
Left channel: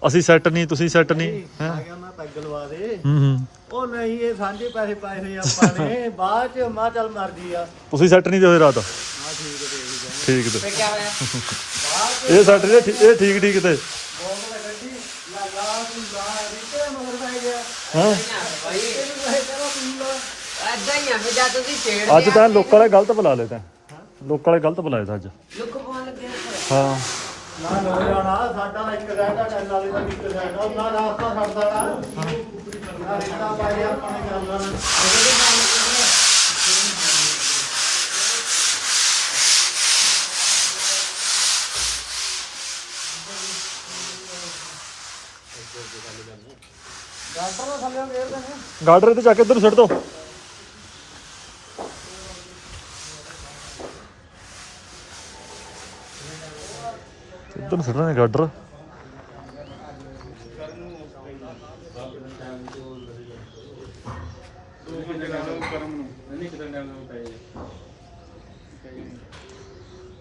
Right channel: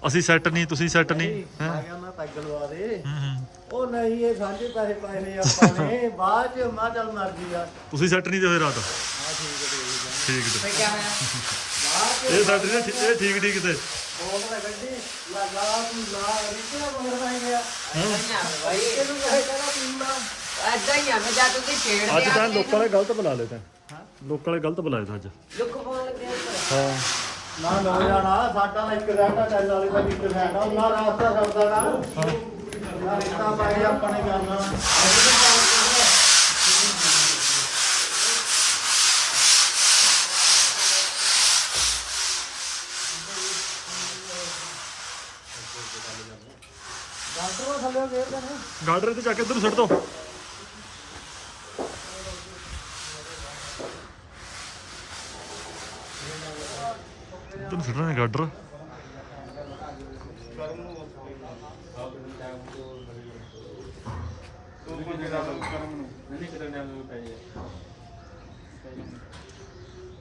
[SPEAKER 1] ਅਸੀਂ ਸੈੱਟ ਨਹੀਂ ਤੁਸੀਂ ਸੈੱਟ ਨਹੀਂ ਹੈਂ?
[SPEAKER 2] ਆ ਗਿਆ ਮੈਂ ਪੈਗ ਲਵਾ ਦੇ।
[SPEAKER 1] ਹੂੰ ਹੂੰ।
[SPEAKER 2] ਉਹ ਨਹੀਂ ਇਹ ਸਾਂਝੇ ਪੈਸੇ ਪਾਏ ਹੋਏ ਆਪਾਂ ਨੇ। ਬਾਅਦ ਚ ਮਾਂ ਚੱਲ ਮਰਜ਼ੀ ਆ।
[SPEAKER 1] ਤੁਸੀਂ ਸੈੱਟ ਨਹੀਂ ਤੇ ਹੋਏ ਰਾਤ?
[SPEAKER 2] ਆ ਠੀਕ ਹੈ ਦੇਖ ਜਾ
[SPEAKER 1] ਠੀਕ ਤੇ। ਇਹ ਸੈੱਟ ਜੇ ਇਹ ਠੀਕ ਠੀਕ ਤੇ। ਹਾਂ।
[SPEAKER 6] ਐਦਾਂ ਹੀ ਆ ਵੀ ਜਦ ਤੁਸੀਂ ਛੇੜ
[SPEAKER 1] ਅੱਜ ਤਾਂ ਲੋਕਾਂ ਵਾਲੇ ਗਲਤ ਬੁਲਾ ਲਏ ਤਾਂ। ਲੋਕਾਂ ਵਾਲੇ ਗਲਤ ਬੁਲਾਏ ਤਾਂ ਅੱਜ।
[SPEAKER 6] ਲੁੱਕ ਪਾਉਣ ਲੱਗੇ
[SPEAKER 1] ਹਾਂ।
[SPEAKER 2] ਨਾ ਲੋ ਜਾਣਾ ਸਾਡਾ ਇੱਕ ਰਹਿੰਦਾ ਟੈਲ ਵਾਲੇ ਦਾ ਇੱਕ ਰਹਿੰਦਾ ਉਹਨਾਂ ਰਾਸਤਾ ਛੱਡ ਦੇਣਾ ਨਾ ਰਿਸ਼ਤਾ ਪਾਇਆ ਆਪਾਂ ਨੇ ਕਰਨਾ
[SPEAKER 1] ਗਾਡਰ ਤੇ ਜਾ ਕੇ ਇੱਧਰ ਨੂੰ ਛੱਡ ਦੋ। ਇੱਧਰ ਨੂੰ ਛੱਡਣਾ ਗਾਡਰ
[SPEAKER 5] ਦੋ ਬੰਦੇ ਲਾ ਲਓ ਕਰਮ ਨੂੰ ਨਹੀਂ ਕਿਤੇ ਟਾਈਮ ਨੂੰ ਪਏ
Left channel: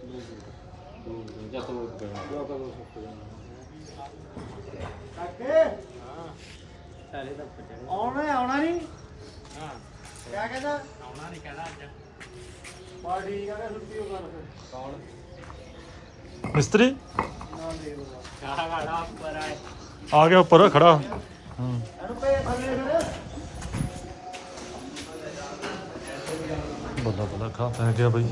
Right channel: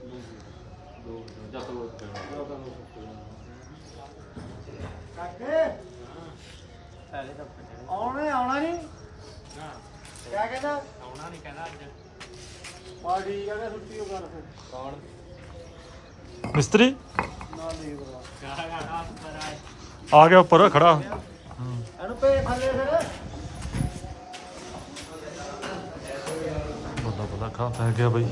[SPEAKER 5] ਦੋ ਦੋ ਜੱਤ ਲੋਕ ਪਏ ਜੱਤ ਲੋਕ ਪਏ
[SPEAKER 2] ਕਾਕੇ ਆਉਣਾ ਆਉਣਾ ਨਹੀਂ?
[SPEAKER 6] ਹਾਂ।
[SPEAKER 2] ਕਿਆ ਕਹਿੰਦਾ?
[SPEAKER 6] ਆਉਣਾ ਨਹੀਂ ਕਹਿਣਾ ਅੱਜ।
[SPEAKER 2] ਬਾ ਠੀਕ ਆ ਕਿ ਛੁੱਟੀ ਹੋ
[SPEAKER 1] ਮਿਸਤਰੀ?
[SPEAKER 6] ਖੜਾ ਖੜਾ ਉੱਪਰ ਆ।
[SPEAKER 1] ਆ ਗਿਆ ਉੱਪਰ ਖੜਾ। ਹਾਂ।
[SPEAKER 2] ਇਹਨੂੰ ਪੇ ਥੱਲੇ ਫਿਰ।
[SPEAKER 1] ਬੱਲਾ ਬੱਲਾ ਖਾ ਪੈ ਗਿਆ ਬਈ।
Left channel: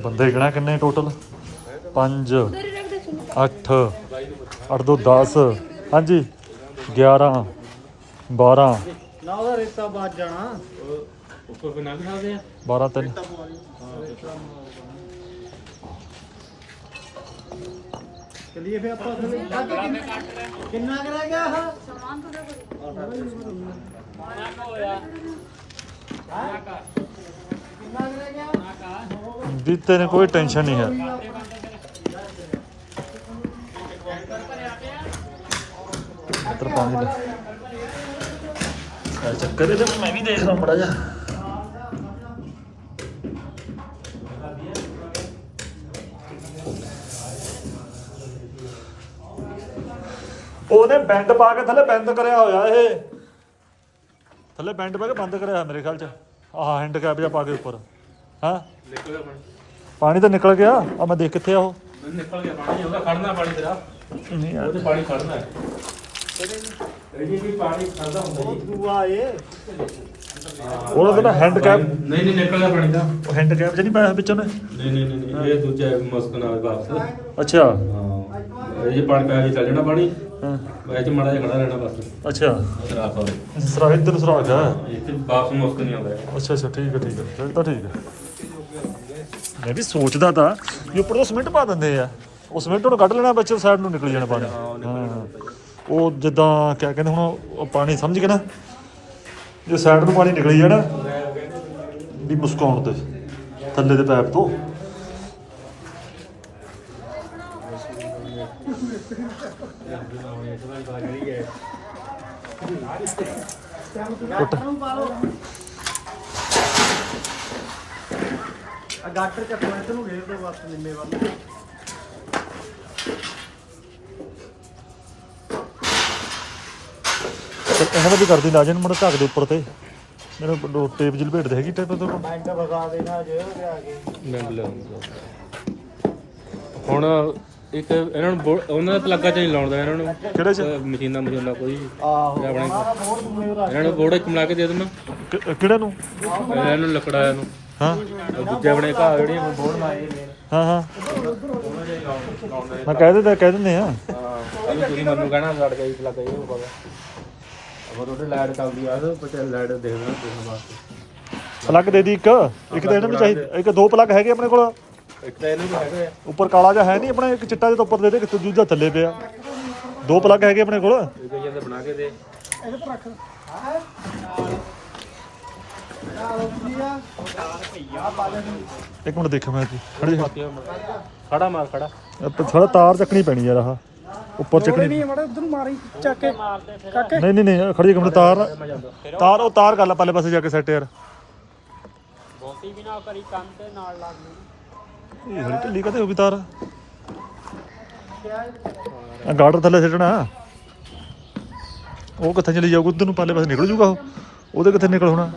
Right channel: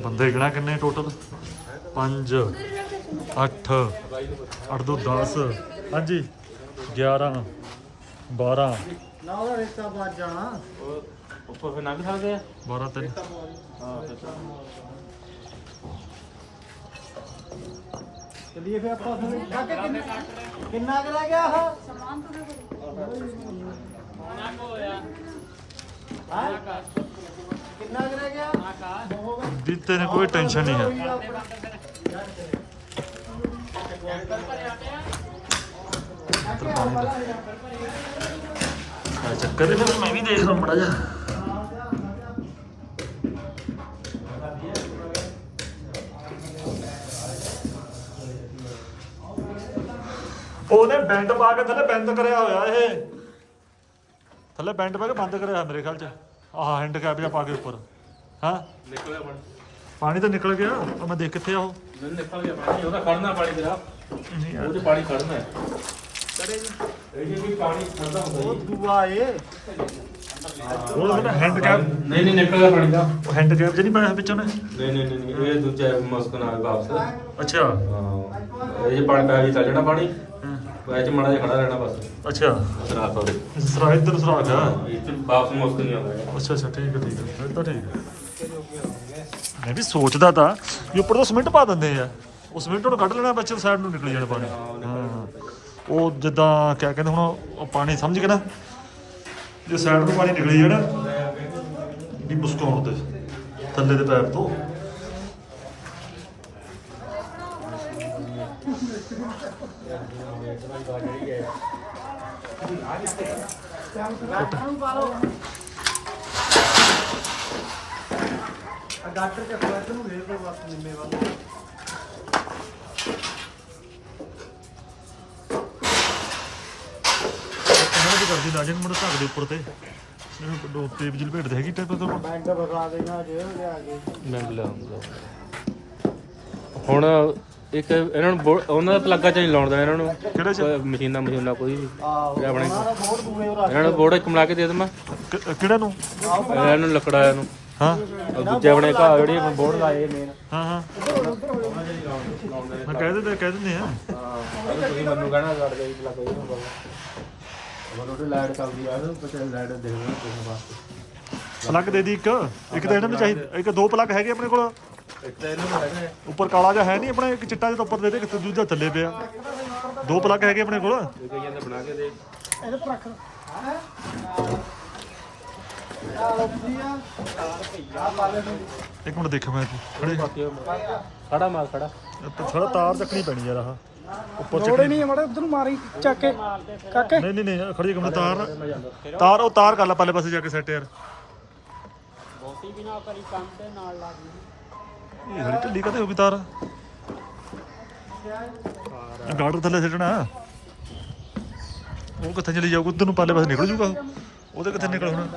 [SPEAKER 1] ਬੰਦੇ ਕਿਹੜਾ ਕਿੰਨੇ ਟੋਟਲ 5 8 8 ਤੋਂ 10 ਹਾਂਜੀ 11 12
[SPEAKER 2] ਨਾ ਉਹਦਾ ਰਿਸ਼ਤਾ ਬਾਜ ਜਾਣਾ
[SPEAKER 5] ਉੱਪਰ ਫਿਰ ਨਾ ਵੀ ਸਕਦੇ ਆ
[SPEAKER 1] 12 3
[SPEAKER 2] ਚਲਿਏ ਫੇ ਆਪਾਂ ਥੱਲੇ ਕਾਕੇ ਕਿੰਨਾ ਕਿੰਨਾ ਕਰਾ ਗਿਆ ਆਹ ਕਿੰਨਾ ਕਰਾ ਗਿਆ
[SPEAKER 1] ਦਿੱਤੇ ਨੇ ਕੋਈ ਟੈਨਸ਼ਨ ਨਹੀਂ ਹੈ ਇੱਧਰ ਪਾਣੀ ਦਾ ਚੱਕਰ ਇਹਦਾ। ਮੈਂ ਵੀ ਦੇਖ ਲਾਂ ਬੜਾ ਜਾ ਉਹਨੇ ਬੈਂਡ ਪਾ ਕੇ ਥੱਲੇ ਬੰਦ ਕਰਿਆ ਹੋਇਆ ਇਹ। ਥੱਲੇ ਬੈਂਡ ਪਾ ਕੇ ਬੰਦ ਕਰਿਆ ਹੋਇਆ ਮੇਰੇ ਖਿਆਲ ਚ। ਆਹ ਹੈਂਡ ਕੈਪ ਜਿਹਾ ਪਾ ਕੇ ਉੱਪਰ। ਹਾਂ?
[SPEAKER 5] ਨਿਕਲਿਆ ਪਾਣੀ।
[SPEAKER 1] ਪਾਣੀ ਤਾਂ ਨਿਕਲ ਗਿਆ। ਆ ਮੈਂ ਦੇਖ ਕਿੱਥੇ ਆ ਉਹ।
[SPEAKER 5] ਨਿਕਲ ਗਿਆ ਪਾਣੀ। ਉਹਦਾ ਖੜਨਾ ਪਾਣੀ ਤੇਰਾ।
[SPEAKER 1] ਨਹੀਂ ਯਾਰ।
[SPEAKER 5] ਉਹਦੇ ਪਾਣੀ ਖੜਨਾ। ਇਹ
[SPEAKER 2] ਉਹ ਦੂਆ ਏ
[SPEAKER 1] ਉਹਦਾ ਜਿਹੜਾ ਹੈਂਡ ਕੈਪ
[SPEAKER 5] ਨਹੀਂ ਨਹੀਂ ਪਾਣੀ ਦਾ
[SPEAKER 1] ਉਹ ਹੈਂਡ ਕੈਪ ਨਹੀਂ ਪਾਇਆ ਵਿੱਚੋਂ ਨੇ
[SPEAKER 5] ਨਹੀਂ ਨਹੀਂ ਨਹੀਂ ਨਹੀਂ, ਇਹ ਦੂਜਾ ਮਸਕ ਨਾਲ ਵਾਪਸ।
[SPEAKER 1] ਅੱਛਾ।
[SPEAKER 5] ਹਾਂ। ਇਹ ਜੇ ਪਾਣੀ ਪੈ ਗਿਆ ਚੱਲ ਜਾਣਾ ਪਾਣੀ।
[SPEAKER 1] ਹਾਂ,
[SPEAKER 5] ਉਹ ਚ ਮਾੜਾ ਜਿਹਾ ਖੜਾ ਰਹਿਣਾ ਬਸ।
[SPEAKER 1] ਅੱਛਾ।
[SPEAKER 5] ਰਾਤ ਵਾਲੇ
[SPEAKER 1] ਸਰਾ ਇੱਧਰ ਨੂੰ ਸਰਾ ਗਿਆ
[SPEAKER 5] ਇੱਥੇ ਵਾਪਸ ਮਸਕ ਨਹੀਂ ਆਉਂਦਾ।
[SPEAKER 1] ਅੱਛਾ ਅੱਛਾ ਠੀਕ ਹੈ ਠੀਕ ਹੈ ਫਿਰ ਤਾਂ ਠੀਕ ਹੈ ਮੈਂ ਵੀ ਸੋਚਦਾ ਤਾਂ ਵੀ ਉੱਪਰ ਤੋਂ ਸਿਮੈਂਟ ਪਾ ਦਿੰਦੇ ਆ। ਉਹ ਸਿਮੈਂਟ ਨੂੰ ਕੱਢ ਲੈਣਾ ਬੱਚੇ ਸਾਈਡ ਨੂੰ ਨਿਕਲ ਜਾਣਾ ਪਾਣੀ। ਹਾਂ ਉਹ ਜਿੱਦਾਂ ਕਿਆ ਕਹਿੰਦੇ ਹੁਣ ਉਹ ਪਾਣੀ ਸਮਝ ਕੇ ਨਾ, ਜੇ ਸਾਈਡ ਨੂੰ ਪਾਣੀ ਨਿਕਲੀ ਜਾਣਾ ਵੀ ਮੁਸਕਾਉਣ ਤੇ, ਥੱਲੇ ਦੇ ਪੈਪ ਤੋਂ।
[SPEAKER 2] ਡਾਕਟਰ ਕੱਟਵਾ ਨੂੰ ਘੇਰ ਦੋ ਬਸ ਨਿੰਮੇ ਵੱਲ
[SPEAKER 1] ਇਹਨਾਂ ਦਾ ਵੀ ਕਰਦੀ ਲਾ ਜਨ ਮੜ ਢੱਕ ਦੇ ਉੱਪਰ ਤੇ। ਮੈਨੂੰ ਟੇਪ ਜਿਲ ਭੇਟ ਦੇ ਹੈਗੀ ਟੇਪ ਤੋਂ
[SPEAKER 2] ਜੇ
[SPEAKER 5] ਮੈਂ ਬੁਲਾਉਂਗਾ ਹੁਣ ਇੱਕ ਇਹਨਾਂ ਨੂੰ ਬੋ- ਉਹਨਾਂ ਦਾ ਪਲੱਗਾ ਚ ਨਹੀਂ ਲਾਉਣ ਦਾ ਇਹਨਾਂ ਨੂੰ।
[SPEAKER 1] ਕਿਹੜੇ ਚ?
[SPEAKER 5] ਅਹ ਮਸ਼ੀਨਾਂ ਮਸ਼ੀਨਾਂ ਕੋਈ। ਵੀ
[SPEAKER 2] ਆਹੋ
[SPEAKER 5] ਇਹ ਆਪਣੇ ਇਹਨਾਂ ਨੂੰ ਬੋੜੇ ਚ ਮਿਲਾ ਕੇ ਦੇ ਦੇਵਾਂ।
[SPEAKER 1] ਕਿ- ਕਿਹੜੇ ਨੂੰ?
[SPEAKER 5] ਇਹਨਾਂ ਨੂੰ ਲੱਕੜਾ ਨੂੰ।
[SPEAKER 1] ਹਾਂ।
[SPEAKER 5] ਉਹ ਦੂਜੇ ਆਪਣੇ ਘਰ ਜਿਹੜੀ ਬੋੜ ਲਾਏ ਨੇ।
[SPEAKER 1] ਹਾਂ ਹਾਂ। ਮੈਂ ਕਹਿ ਦਿੰਦਾ ਕਹਿ ਦਿੰਦੇ ਆ।
[SPEAKER 5] ਅਭੀ ਤੁਸੀਂ ਮੈਨੂੰ ਕਹਿਣਾ ਵੜ ਗਈ ਲੱਗ ਗਈ ਹੋਰ ਉਹਦੇ ਲਾਈਟ ਚੱਲਦੀ ਆ। ਉਹ ਪਤਾ ਲਾਈਟ ਦੇਖਣਾ ਦੇਖਣ ਵਾਸਤੇ।
[SPEAKER 1] ਪਲੱਗ ਦੇ ਦੀ ਇੱਕ ਇੱਕ ਤਾਂ ਇਹਨਾਂ ਨੂੰ ਚਾਹੀਦਾ ਇੱਕ ਦੋ ਪਲੱਗ ਹੈਗੇ ਆਪਣੇ ਕੋਲ।
[SPEAKER 5] ਇੱਕ ਤਾਂ ਇਹਨੂੰ ਹੈਗਾ।
[SPEAKER 1] ਉੱਪਰ ਕਾਲਾ ਜਿਹਾ ਹੈ ਨਹੀਂ ਆਪਣੇ ਇੱਕ ਚਿੱਟਾ ਜਿਹਾ ਤਾਂ ਉੱਪਰ ਦੇ ਦੇ ਕਿਤੇ ਦੂਜਾ ਥੱਲੇ ਪਿਆ। ਦੋ ਪਲੱਗ ਹੈਗੇ ਆਪਣੇ ਕੋਲ।
[SPEAKER 5] ਇਹ ਕਈਆਂ ਦੇ ਬਣਾ ਕੇ ਦੇ।
[SPEAKER 1] ਇੱਕ ਮਿੰਟ ਦੇਖਾਂ ਮੈਂ ਕੀ ਖੜੀ ਜਾ।
[SPEAKER 5] ਖੜਾ ਮਾਰ ਖੜਾ
[SPEAKER 1] ਸਾਰਾ ਤਾਰ ਚੱਕਣੀ ਪੈਣੀ ਯਾਰ ਆਹ। ਉੱਪਰ ਚੱਕਣੀ
[SPEAKER 2] ਮੜੇ ਉਧਰ ਮਾਰੀ ਚੱਕ ਕੇ। ਕਾਕੇ?
[SPEAKER 1] ਨਹੀਂ ਨਹੀਂ ਨਹੀਂ ਖੜੀ ਇੱਕ ਮਿੰਟ ਤਾਰ। ਤਾਰ ਉਹ ਤਾਰ ਕਰ ਲੈ ਪੱਲੇ ਪਾਸੇ ਜਾ ਕੇ ਸੈੱਟ ਯਾਰ ਇਹ ਥੋੜੀ ਢਿੱਲੀ ਕਦੇ ਹੋ ਵੀ ਤਾਰ? ਆ ਗਾਰਡਰ ਥੱਲੇ ਸਿੱਟਣਾ। ਉਹ ਕਿੱਥੇ ਚਲੀ ਜਾਊਗਾ ਉਧਰ ਨੂੰ ਪੱਲੇ ਪਾਸੇ ਨਿਕਲ ਜੂਗਾ ਉਹ। ਉਹਦੇ ਕਿੱਥੇ ਨਿਕਲ ਹੋਣਾ?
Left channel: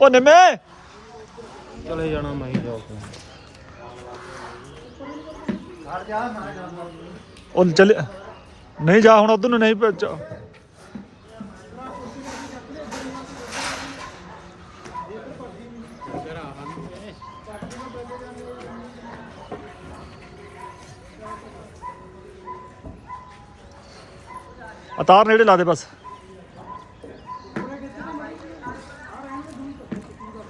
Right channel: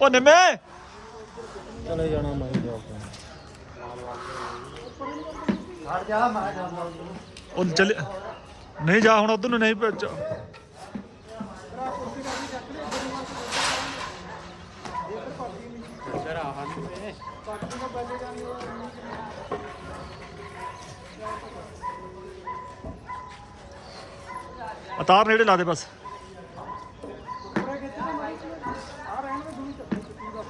[SPEAKER 1] ਉਹ ਨਿੰਮੇ!
[SPEAKER 5] ਚਲੇ ਜਾਣਾ ਮੈਂ ਹੀ ਜਾਊਂਗਾ
[SPEAKER 1] ਉਹ ਚੱਲ ਨਹੀਂ ਜਾ ਹੁਣ ਉਧਰ ਨੂੰ ਨਹੀਂ ਭੇਜ ਆ ਤਾਰ ਨੇੜੇ ਲਾ ਦੇ ਬਸ।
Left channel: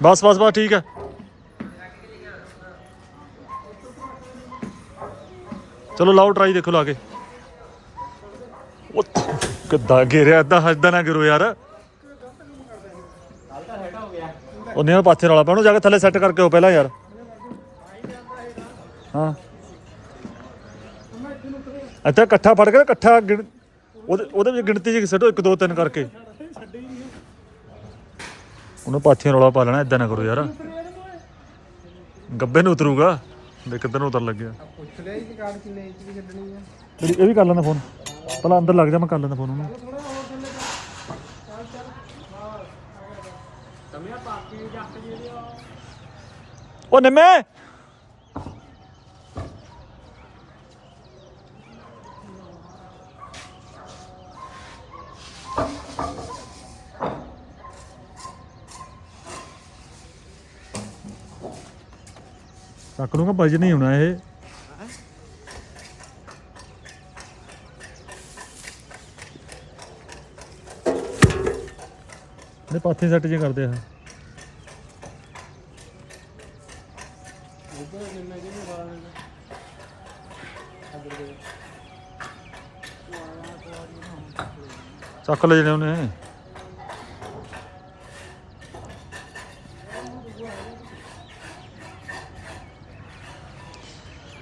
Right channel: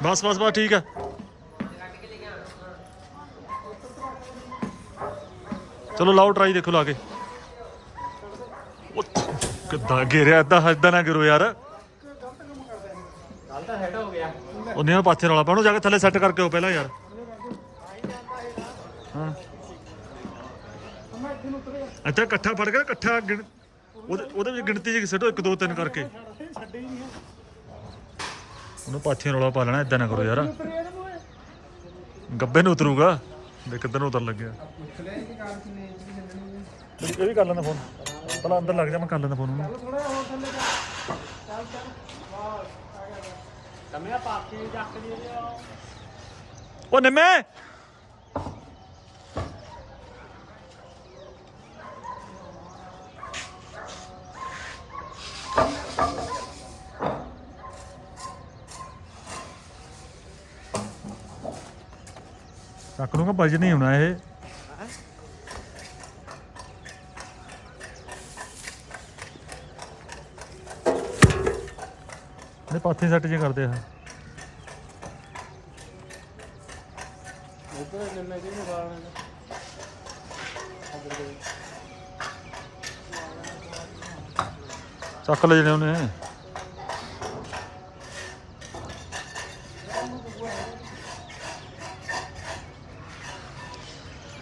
[SPEAKER 1] ਬਸ ਬਸ ਬਸ, ਠੀਕ ਹੈ। ਚਲੋ ਲਾਓ ਟਰਾਈ ਦੇਖੋ ਲਾ ਕੇ। ਉਹ ਕਿੱਦਾਂ ਘੇਰਿਆ ਏਦਾਂ ਹੱਸਦਾ ਨਾ ਗਿਰੋ ਯਾਰ।
[SPEAKER 5] ਕੱਲ ਤਾਂ ਸੈੱਟ ਹੋ ਗਿਆ
[SPEAKER 1] ਉਹਨੇ ਨਾਲ ਪਾਥੇ ਰੌਲਾ ਪਾਉਣੋ ਜਾ ਕੇ ਥੱਲੇ ਸੈੱਟ ਕਰਕੇ ਉਹ ਪਹਿਲਾਂ ਯਾਰ। ਹਾਂ। ਇੱਥੇ ਇਕੱਠਾ ਫੜ ਕੇ ਨਾ ਇਕੱਠਾ ਗਿਣ ਉਹਦੇ ਉਹਦੇ ਵਿੱਚ ਗਿਣਤੀ ਜੀ ਸੱਟੋ 1 2 3 ਕਰਕੇ। ਉਹਨੇ ਪਾਥੇ ਰੌਲਾ ਪਾ ਲੈਣਾ ਇਦਾਂ ਨਾ ਕਰੋ ਯਾਰ। ਗੱਬੇ ਨੂੰ ਉਤਰੂਗਾ। ਦੇਖ ਕਿੱਧਰ ਨੂੰ ਉਤਰ ਲੱਗਿਆ। ਮੇਰੀ ਇਹ ਵੀ ਕਰ ਲੈਂਦਾ ਫੋਨ ਪਹਿਲਾਂ ਅੰਦਰ ਲੱਗ ਜਾ, ਮੈਂ ਕਰ ਲੈਂਦਾ ਫੋਨ ਉਹਨੂੰ। ਉਹ ਨਿੰਮੇ! ਚੱਕ ਲੂੰਗਾ ਵਜਨ ਨਹੀਂ ਹੋਣਾ ਇਹ। ਪਾਥੇ ਸੈੱਟ ਜੇ ਕਰਦੇ ਆ। ਚੱਕ ਲੈ ਜਣੇ ਉਹਨੇ।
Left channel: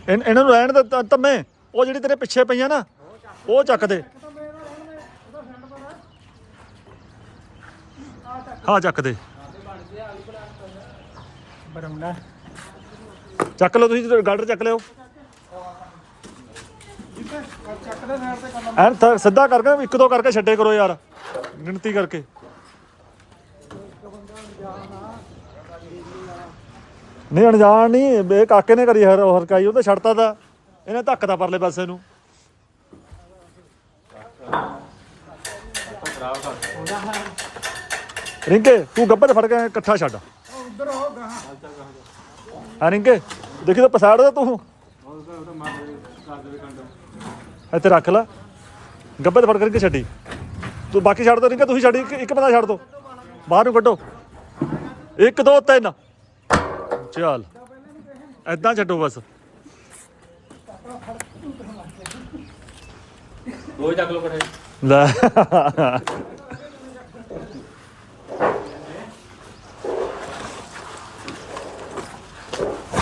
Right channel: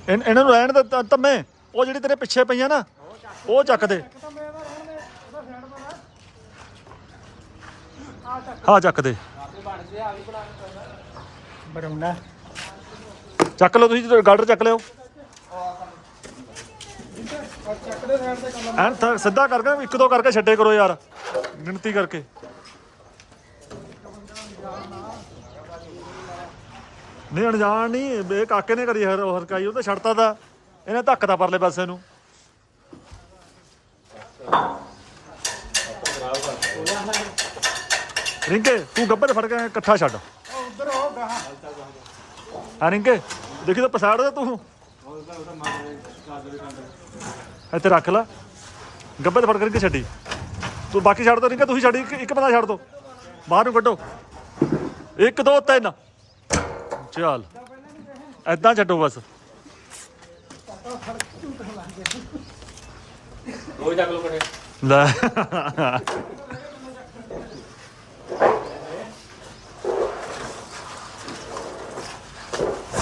[SPEAKER 1] ਇਹਨਾਂ ਨੂੰ ਰਹਿਣ ਦੇ ਤੰਮੇ। ਉਹ ਜਿਹੜੀ ਤੇਰੇ ਪਿੱਛੇ ਪਈਆਂ ਨਾ, ਉਹ ਚੱਕ ਦੇ। ਹਾਂ ਚੱਕ ਦੇ।
[SPEAKER 2] ਬਰਮਣਾ
[SPEAKER 1] ਚੱਕ ਲਓ ਤੁਸੀਂ ਗਾਰਡਰ ਚੱਕ ਲਿਓ। ਐਨ ਥ- ਸਿੱਧਾ ਕਰਕੇ ਇੱਕ ਦੋ ਕਰਕੇ ਛੱਡੇ ਕਰੋ ਯਾਰ, ਗਿਣਤੀ ਕਰਕੇ। ਨਹੀਂ, ਅਣਜਾਣ ਨਹੀਂ ਬੇ ਕਾਕੇ ਨੇ ਕਰੀ ਹਰ ਹਰਕਾਈ ਉਹ ਤੇ ਛੱਡਤਾ ਦਾ ਇਹਨੇ ਧੱਕਦਾ ਪਰਲੇ ਪਾਸੇ ਨੂੰ। ਰਿੰਕੇ ਤੂੰ ਗੱਬੇ ਤੇ ਫੜ ਕੇ ਇਕੱਠਾ ਛੱਡ। ਹਾਂ ਰਿੰਕੇ ਦੇਖੀ ਤਾਂ ਰਿਹਾ ਤੂੰ। ਇੱਥੇ ਰੱਖ ਲੈ। ਗੱਬੇ ਤੇ ਫੜ ਕਰਕੇ ਛੱਡੀ। ਤੂੰ ਬਾਕੀ ਛੱਡ ਦੋ ਰਿੰਕੇ ਤੁਸੀਂ ਛੱਡੀ ਇੱਕ ਬੰਦਾ ਛੱਡ ਦੋ। ਬਾਹਰ ਨੂੰ ਕੱਢੋ। ਇੱਕ ਦੋ ਤਿੰਨ। ਚੱਲ। ਐਦਾਂ ਛੱਡੋ ਬਸ।
[SPEAKER 5] ਦੋ ਚੱਕ ਲੋ ਬੜੇ
[SPEAKER 1] ਲੈ।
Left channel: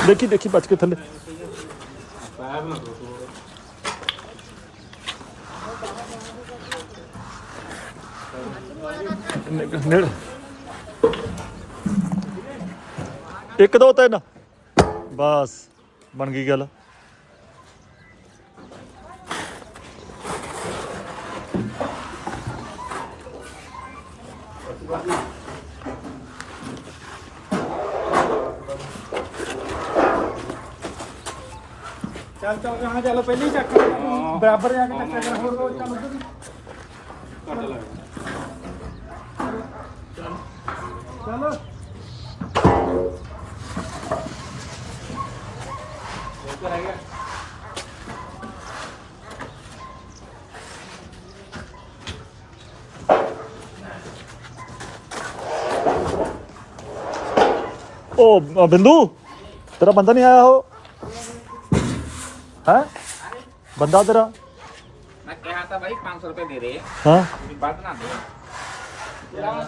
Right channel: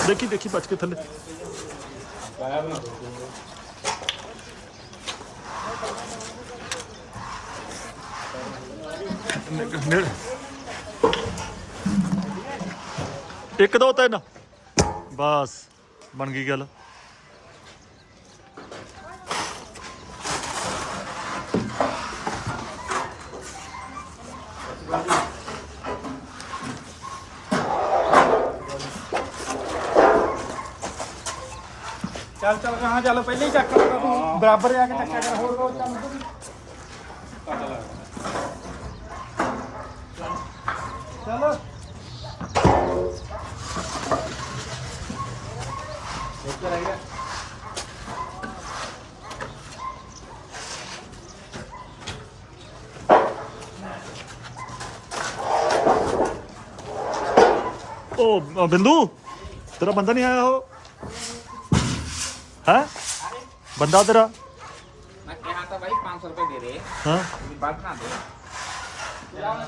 [SPEAKER 1] ਦੇਖੀ ਦੇਖੀ ਬਚ ਕੇ ਥੱਲੇ। ਨੇੜੇ। ਇੱਕ ਦੋ ਤਿੰਨ। ਬਸ ਬਣ ਗਈ ਗੱਲ।
[SPEAKER 2] ਚੱਲ ਚੱਲ ਪਹਿਲੇ ਹੀ ਚੱਕ ਬਰਾਬਰ ਆ ਕੇ ਚੱਕਿਆ ਕਰ ਹੋਰ ਹੋਰ ਚੱਲ ਚਲੋ।
[SPEAKER 1] ਉਹ ਅ, ਬਿੰਦੂ ਤੇਰਾ ਬੰਦਾ ਨਹੀਂ ਆਇਆ ਉਹ? ਹੈ? ਬੰਦਾ ਤੇਰਾ
[SPEAKER 5] ਮੈਂ ਕਿਹਾ ਤਾਂ ਭਾਈ 500 ਰੁਪਏ ਦੇ ਦੇ।
[SPEAKER 1] ਹਾਂ।
[SPEAKER 5] ਬਾਤ ਨਾ ਦੇ ਜਾਲੀ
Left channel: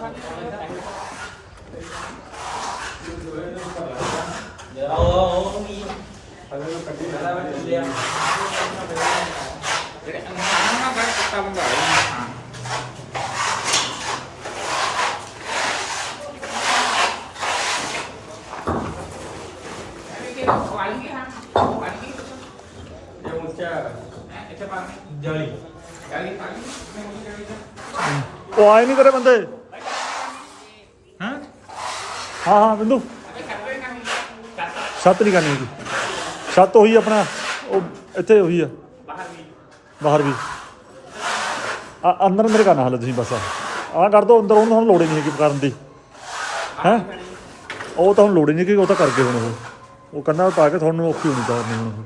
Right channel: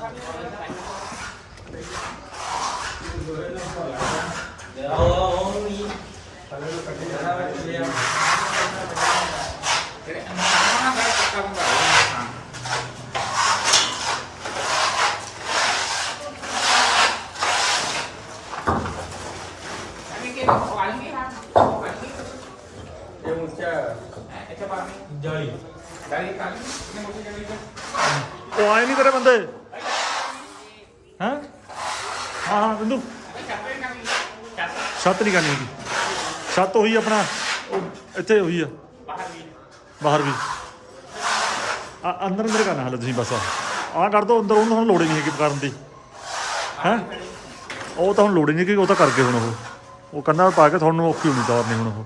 [SPEAKER 5] ਜਾਲੀ
[SPEAKER 1] ਉਹ ਆਏ ਨਹੀਂ ਤੇਰੇ ਬੰਦੇ। ਹੈ? ਹਾਂ ਹਾਂ ਬਿੰਦੂ। ਸੱਤ ਨਹੀਂ ਕਰਨੀ ਹੈਗੀ। ਸੱਤ ਉਹੀ ਆਪਣਾ ਉਹ ਇੱਥੇ ਉਹੀ ਆ। ਬਾਹਰ ਵੀ। ਆ ਅੰਦਰ ਅੰਦਰ ਕਰਨਾ ਹਾਲੇ ਤੁਸੀਂ ਬਸ ਆ। ਕਰ ਦੋ ਅੰਦਰ ਉਹਨੂੰ ਹੁਣ ਲੋੜ ਹੀ ਨਹੀਂ ਹੈਗੀ ਕਰਨ ਦੀ। ਹੈ? ਉਹ ਤਾਂ ਹੁਣ ਲੋੜ ਹੀ ਨਹੀਂ ਕਿ ਉਹ ਤਾਂ ਕਰ ਗਏ ਹੁਣ ਉਹ। ਉਹ ਕੰਨਾਂ ਪਾ ਕੇ ਤੁਹਾਨੂੰ ਔਖੀ ਹੋਣੀ ਦੌਰ ਨਹੀਂ ਹੁਣ ਉਹ।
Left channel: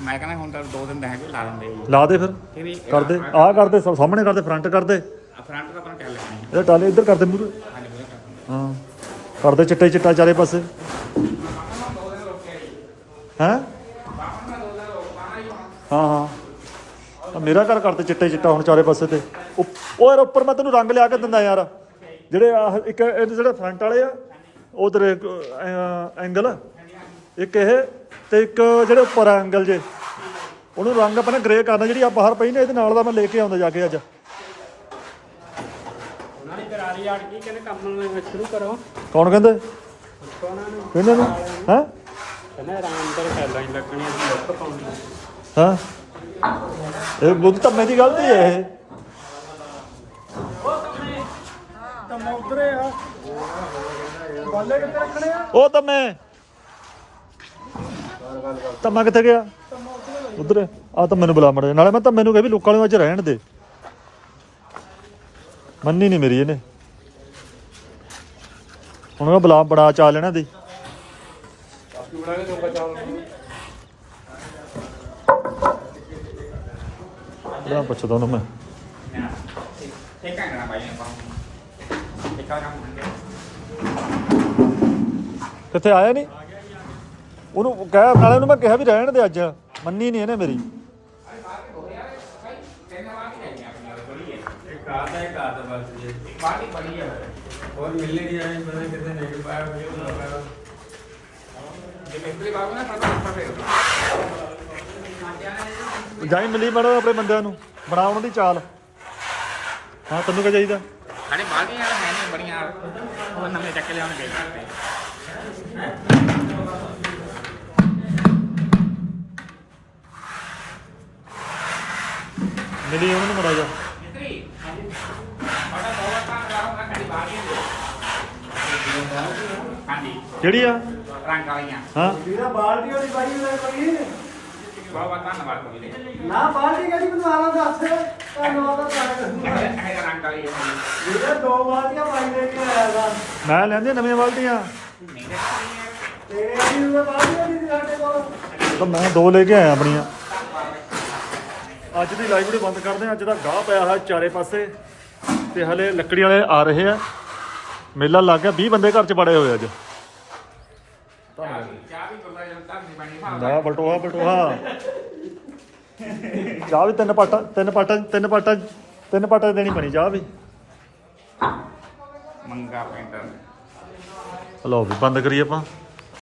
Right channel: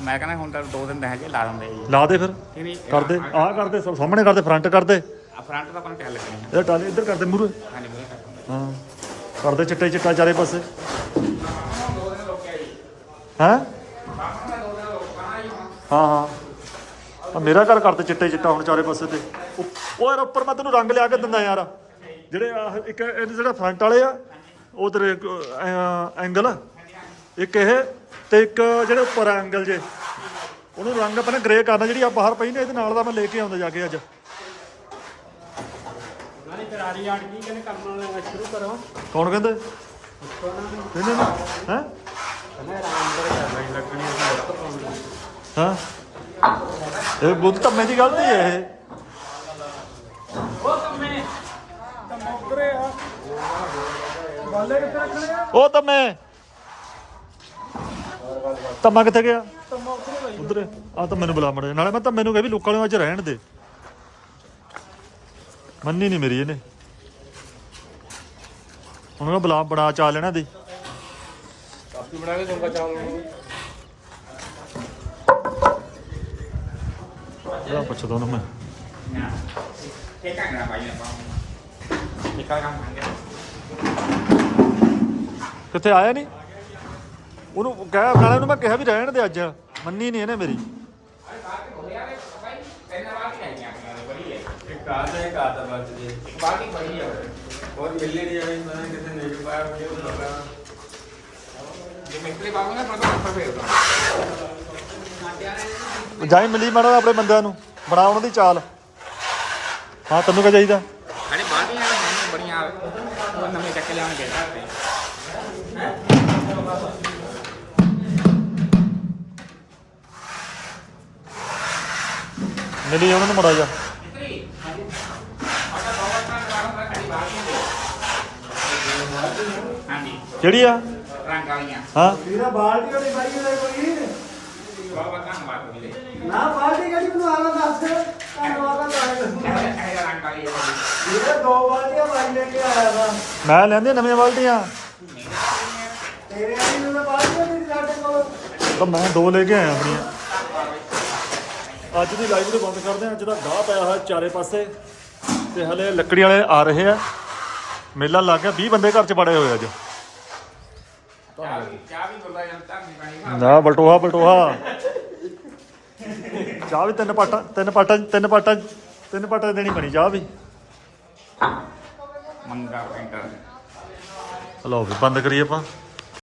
[SPEAKER 5] ਮੈਂ ਕਹਿੰਦਾ ਹੁਣ ਤਾਂ ਦੋ ਦਿਨ ਰਹਿ ਗਏ ਲਾ ਦਿੰਦੇ ਜੀ।
[SPEAKER 1] ਲਾ ਦੇ ਫਿਰ।
[SPEAKER 5] ਨਹੀਂ ਨਹੀਂ
[SPEAKER 1] ਕਰਦੇ ਆਹ ਕਰਦੇ ਸਾਹਮਣੇ ਕਰਦੇ ਫਰੰਟ ਕਰਦੇ।
[SPEAKER 5] ਆ ਫਰੰਟ ਤਾਂ ਆਪਾਂ ਨੂੰ ਲੱਗਣੀ
[SPEAKER 1] ਇਹਦਾ ਟਾਲੇ ਇੱਧਰ ਕਰਦੇ ਮੂਰੇ
[SPEAKER 5] ਹਾਂਜੀ ਕਰਦਾ।
[SPEAKER 1] ਹਾਂ। ਕਰਦੇ ਚਿੱਟੇ ਚਿੱਟਾ ਚਾਰੇ ਪਾਸੇ। ਹੈ? ਹਾਂ ਹਾਂ। ਆ ਮੇਰਾ ਘਰ ਕਰਤੇ ਚਿੱਟੇ ਚਿੱਟਾ ਹੁਣ ਚਾਰੇ ਪਾਸੇ ਤੇ। ਉਹ ਯਾਰ ਉੱਪਰ ਮੈਂ ਤੈਨੂੰ ਰੰਗ ਲਿਆ ਕੇ ਦਿੰਦਾ ਯਾਰ। ਜਿਹੜੇ ਆਹ ਇੱਕ ਇਹ ਜਿਹੜੇ ਫਰੰਟ ਵਾਲੇ ਆ ਉਹ ਤੇਰੇ ਐਂਗਲ ਇੱਕ ਇਹ ਤੇ ਇੱਕ ਜਿਹੜੇ ਉੱਪਰ ਐਂਗਲ ਜੇ, ਉਹਨੂੰ ਰੰਗ ਆਪਾਂ ਨੇ ਗ੍ਰੇ ਕਰਨਾ, ਜਿਹੜੀ ਆ ਬਾਹਰ ਪਈ ਨੇ, ਇਹਦੇ ਨਾਲ ਦਾ ਮੈਂ ਲੈ ਕੇ ਆਉਂਦਾ ਜਾ ਕੇ ਅੱਜ।
[SPEAKER 5] ਉਹਨਾਂ ਨੇ ਕਰਾਰੀ ਆੜ ਕੀ ਕਹਿੰਦੇ? ਕੰਮ ਸ਼ੁਰੂ ਕਰੋ
[SPEAKER 1] ਕੌਣ ਕਹਿੰਦੇ ਇਹਨਾਂ ਨੂੰ ਹੈ? ਹਾਂ? ਇਹ ਬੁੱਧ ਧੰਮੇ ਦੀ ਗਲਤੀ ਹੈ ਇਹ। ਉਹ ਧੰਮੇ ਧੰਮਾ। ਮੈਂ ਕਿੱਥੇ ਗਿਆ? ਉਧਰ। ਆ ਤਾਂ ਮੈਨੂੰ ਬੁਲਾ ਮੜੇ ਨਾਲੇ ਮੈਂ ਤਾਂ ਮੈਨੂੰ ਕਹੇ ਵੀ ਲੋਕਾਂ ਨੂੰ ਅੱਜ ਰਹਿਣ ਦੇ। ਮੰਨੀ ਨਹੀਂ ਮੇਰੀ ਇਹਨੇ। ਹੁਣ ਉਹ ਬੁਲਾ ਬੜਾ ਚਾ ਲੈਣਾ ਦੀ ਬੜਾ ਪੁੱਛਦਾ ਉਹਨੂੰ ਮੈਂ। ਕਿੱਥੇ ਆਇਆ ਨਹੀਂ ਉਹਨੂੰ ਕਹਿ, ਨਾਲੇ ਉਹਨੂੰ ਮੈਂ ਕਿਹਾ ਵੀ ਰਹਿਣ ਦੇ ਅੱਜ, ਮੰਨੀ ਨਹੀਂ ਇਹਨੇ ਮੇਰੀ। ਜਾਈ ਮਿਲੀ ਮੈਡਮ ਆਪਣੇ ਬੰਦਿਆਂ ਨੂੰ, ਬਣਾ ਉਹਨਾਂ ਦੀ ਚਾਲ। ਹਾਂ, ਤੈਨੂੰ ਕੀ ਚਾਹੀਦਾ?
[SPEAKER 5] ਅਰੇ ਬਾਦੀਆਂ ਹਨ ਬੜੀਆਂ ਉਹ ਨਵੇਂ ਚੱਕ ਲਿਆਉਣ ਦੇ
[SPEAKER 1] ਮਿਲੀ ਉਹਨਾਂ ਨੂੰ ਮੜਾ ਜਾ ਕਿਹੜੀ ਆ?
[SPEAKER 5] ਰੰਗ ਵਾਲੀਆਂ
[SPEAKER 1] ਹਾਂ।
[SPEAKER 2] ਵੀਰਾ ਬਾਲਟੀ ਵਾਲੀ ਬਾਈ ਲੈ ਬਈ
[SPEAKER 5] ਬਹੁਤ ਬਹੁਤ ਧੰਨਵਾਦ ਜੀ
[SPEAKER 2] ਨਾ ਬਾਲਟੀ ਕਿਹੜੀ ਮੈਨੂੰ ਆਣਾ ਦੱਸ। ਧੰਨਵਾਦ ਆ ਤੁਹਾਨੂੰ
[SPEAKER 5] ਇਹ ਰੰਗ ਵਾਲੀ ਹੈ ਜੀ
[SPEAKER 2] ਵੀਰੇ ਦੋ ਬਾਲਟੀਆਂ ਪਾਈ ਲੈ ਕੇ ਆਇਆ ਵਾ।
[SPEAKER 1] ਮੈਂ ਲੈਂਦੀ ਨਵੀਆਂ ਬਾਲਟੀਆਂ।
[SPEAKER 2] ਤੇਰੇ ਵਾਲੀ ਨੂੰ ਵੀ ਨਹੀਂ ਸਾਡੇ ਕੋਲ।
[SPEAKER 1] ਤਾਂ ਮੈਂ ਦੋ ਲੈ ਕੇ ਆਇਆ ਆਪਣੀਆਂ। ਅੱਜ ਦੀ ਲਾਈਵ ਵੀਡੀਓ ਬੰਦ ਕਰਦੇ ਹਾਂ। ਅੱਜ ਦਾ ਗਾਹ ਪਿਆ ਹੈ ਚਾਰੇ ਪਾਸੇ ਤੇ ਹਲੇ ਲੱਕੜੀ ਵਾਲੇ ਆ ਰਹੇ ਆ। ਮੇਲਾ ਲੱਗ ਗਿਆ। 20 ਬੰਦੇ ਘਰ ਚ ਬੜੇ ਹੋਏ ਅੱਜ। ਨਾ ਬਲਟੋਹਾ ਬਲਟੋਹਾ। ਚਾਹ ਵੀ ਤਿੰਨ ਪਾਟਾ ਤਿੰਨ ਪਾਟਾ ਤਿੰਨ ਪਾਟਾ ਤਿੰਨ ਪਾਟਾ ਦੇਣੀ ਬਣੀ ਚਾਹ ਵੀ।
[SPEAKER 5] ਮੰਗਾ ਪੈਂਟਰ
[SPEAKER 1] ਲਓ ਵੀ ਬੰਦ ਕਰੀਏ ਆਪਾਂ।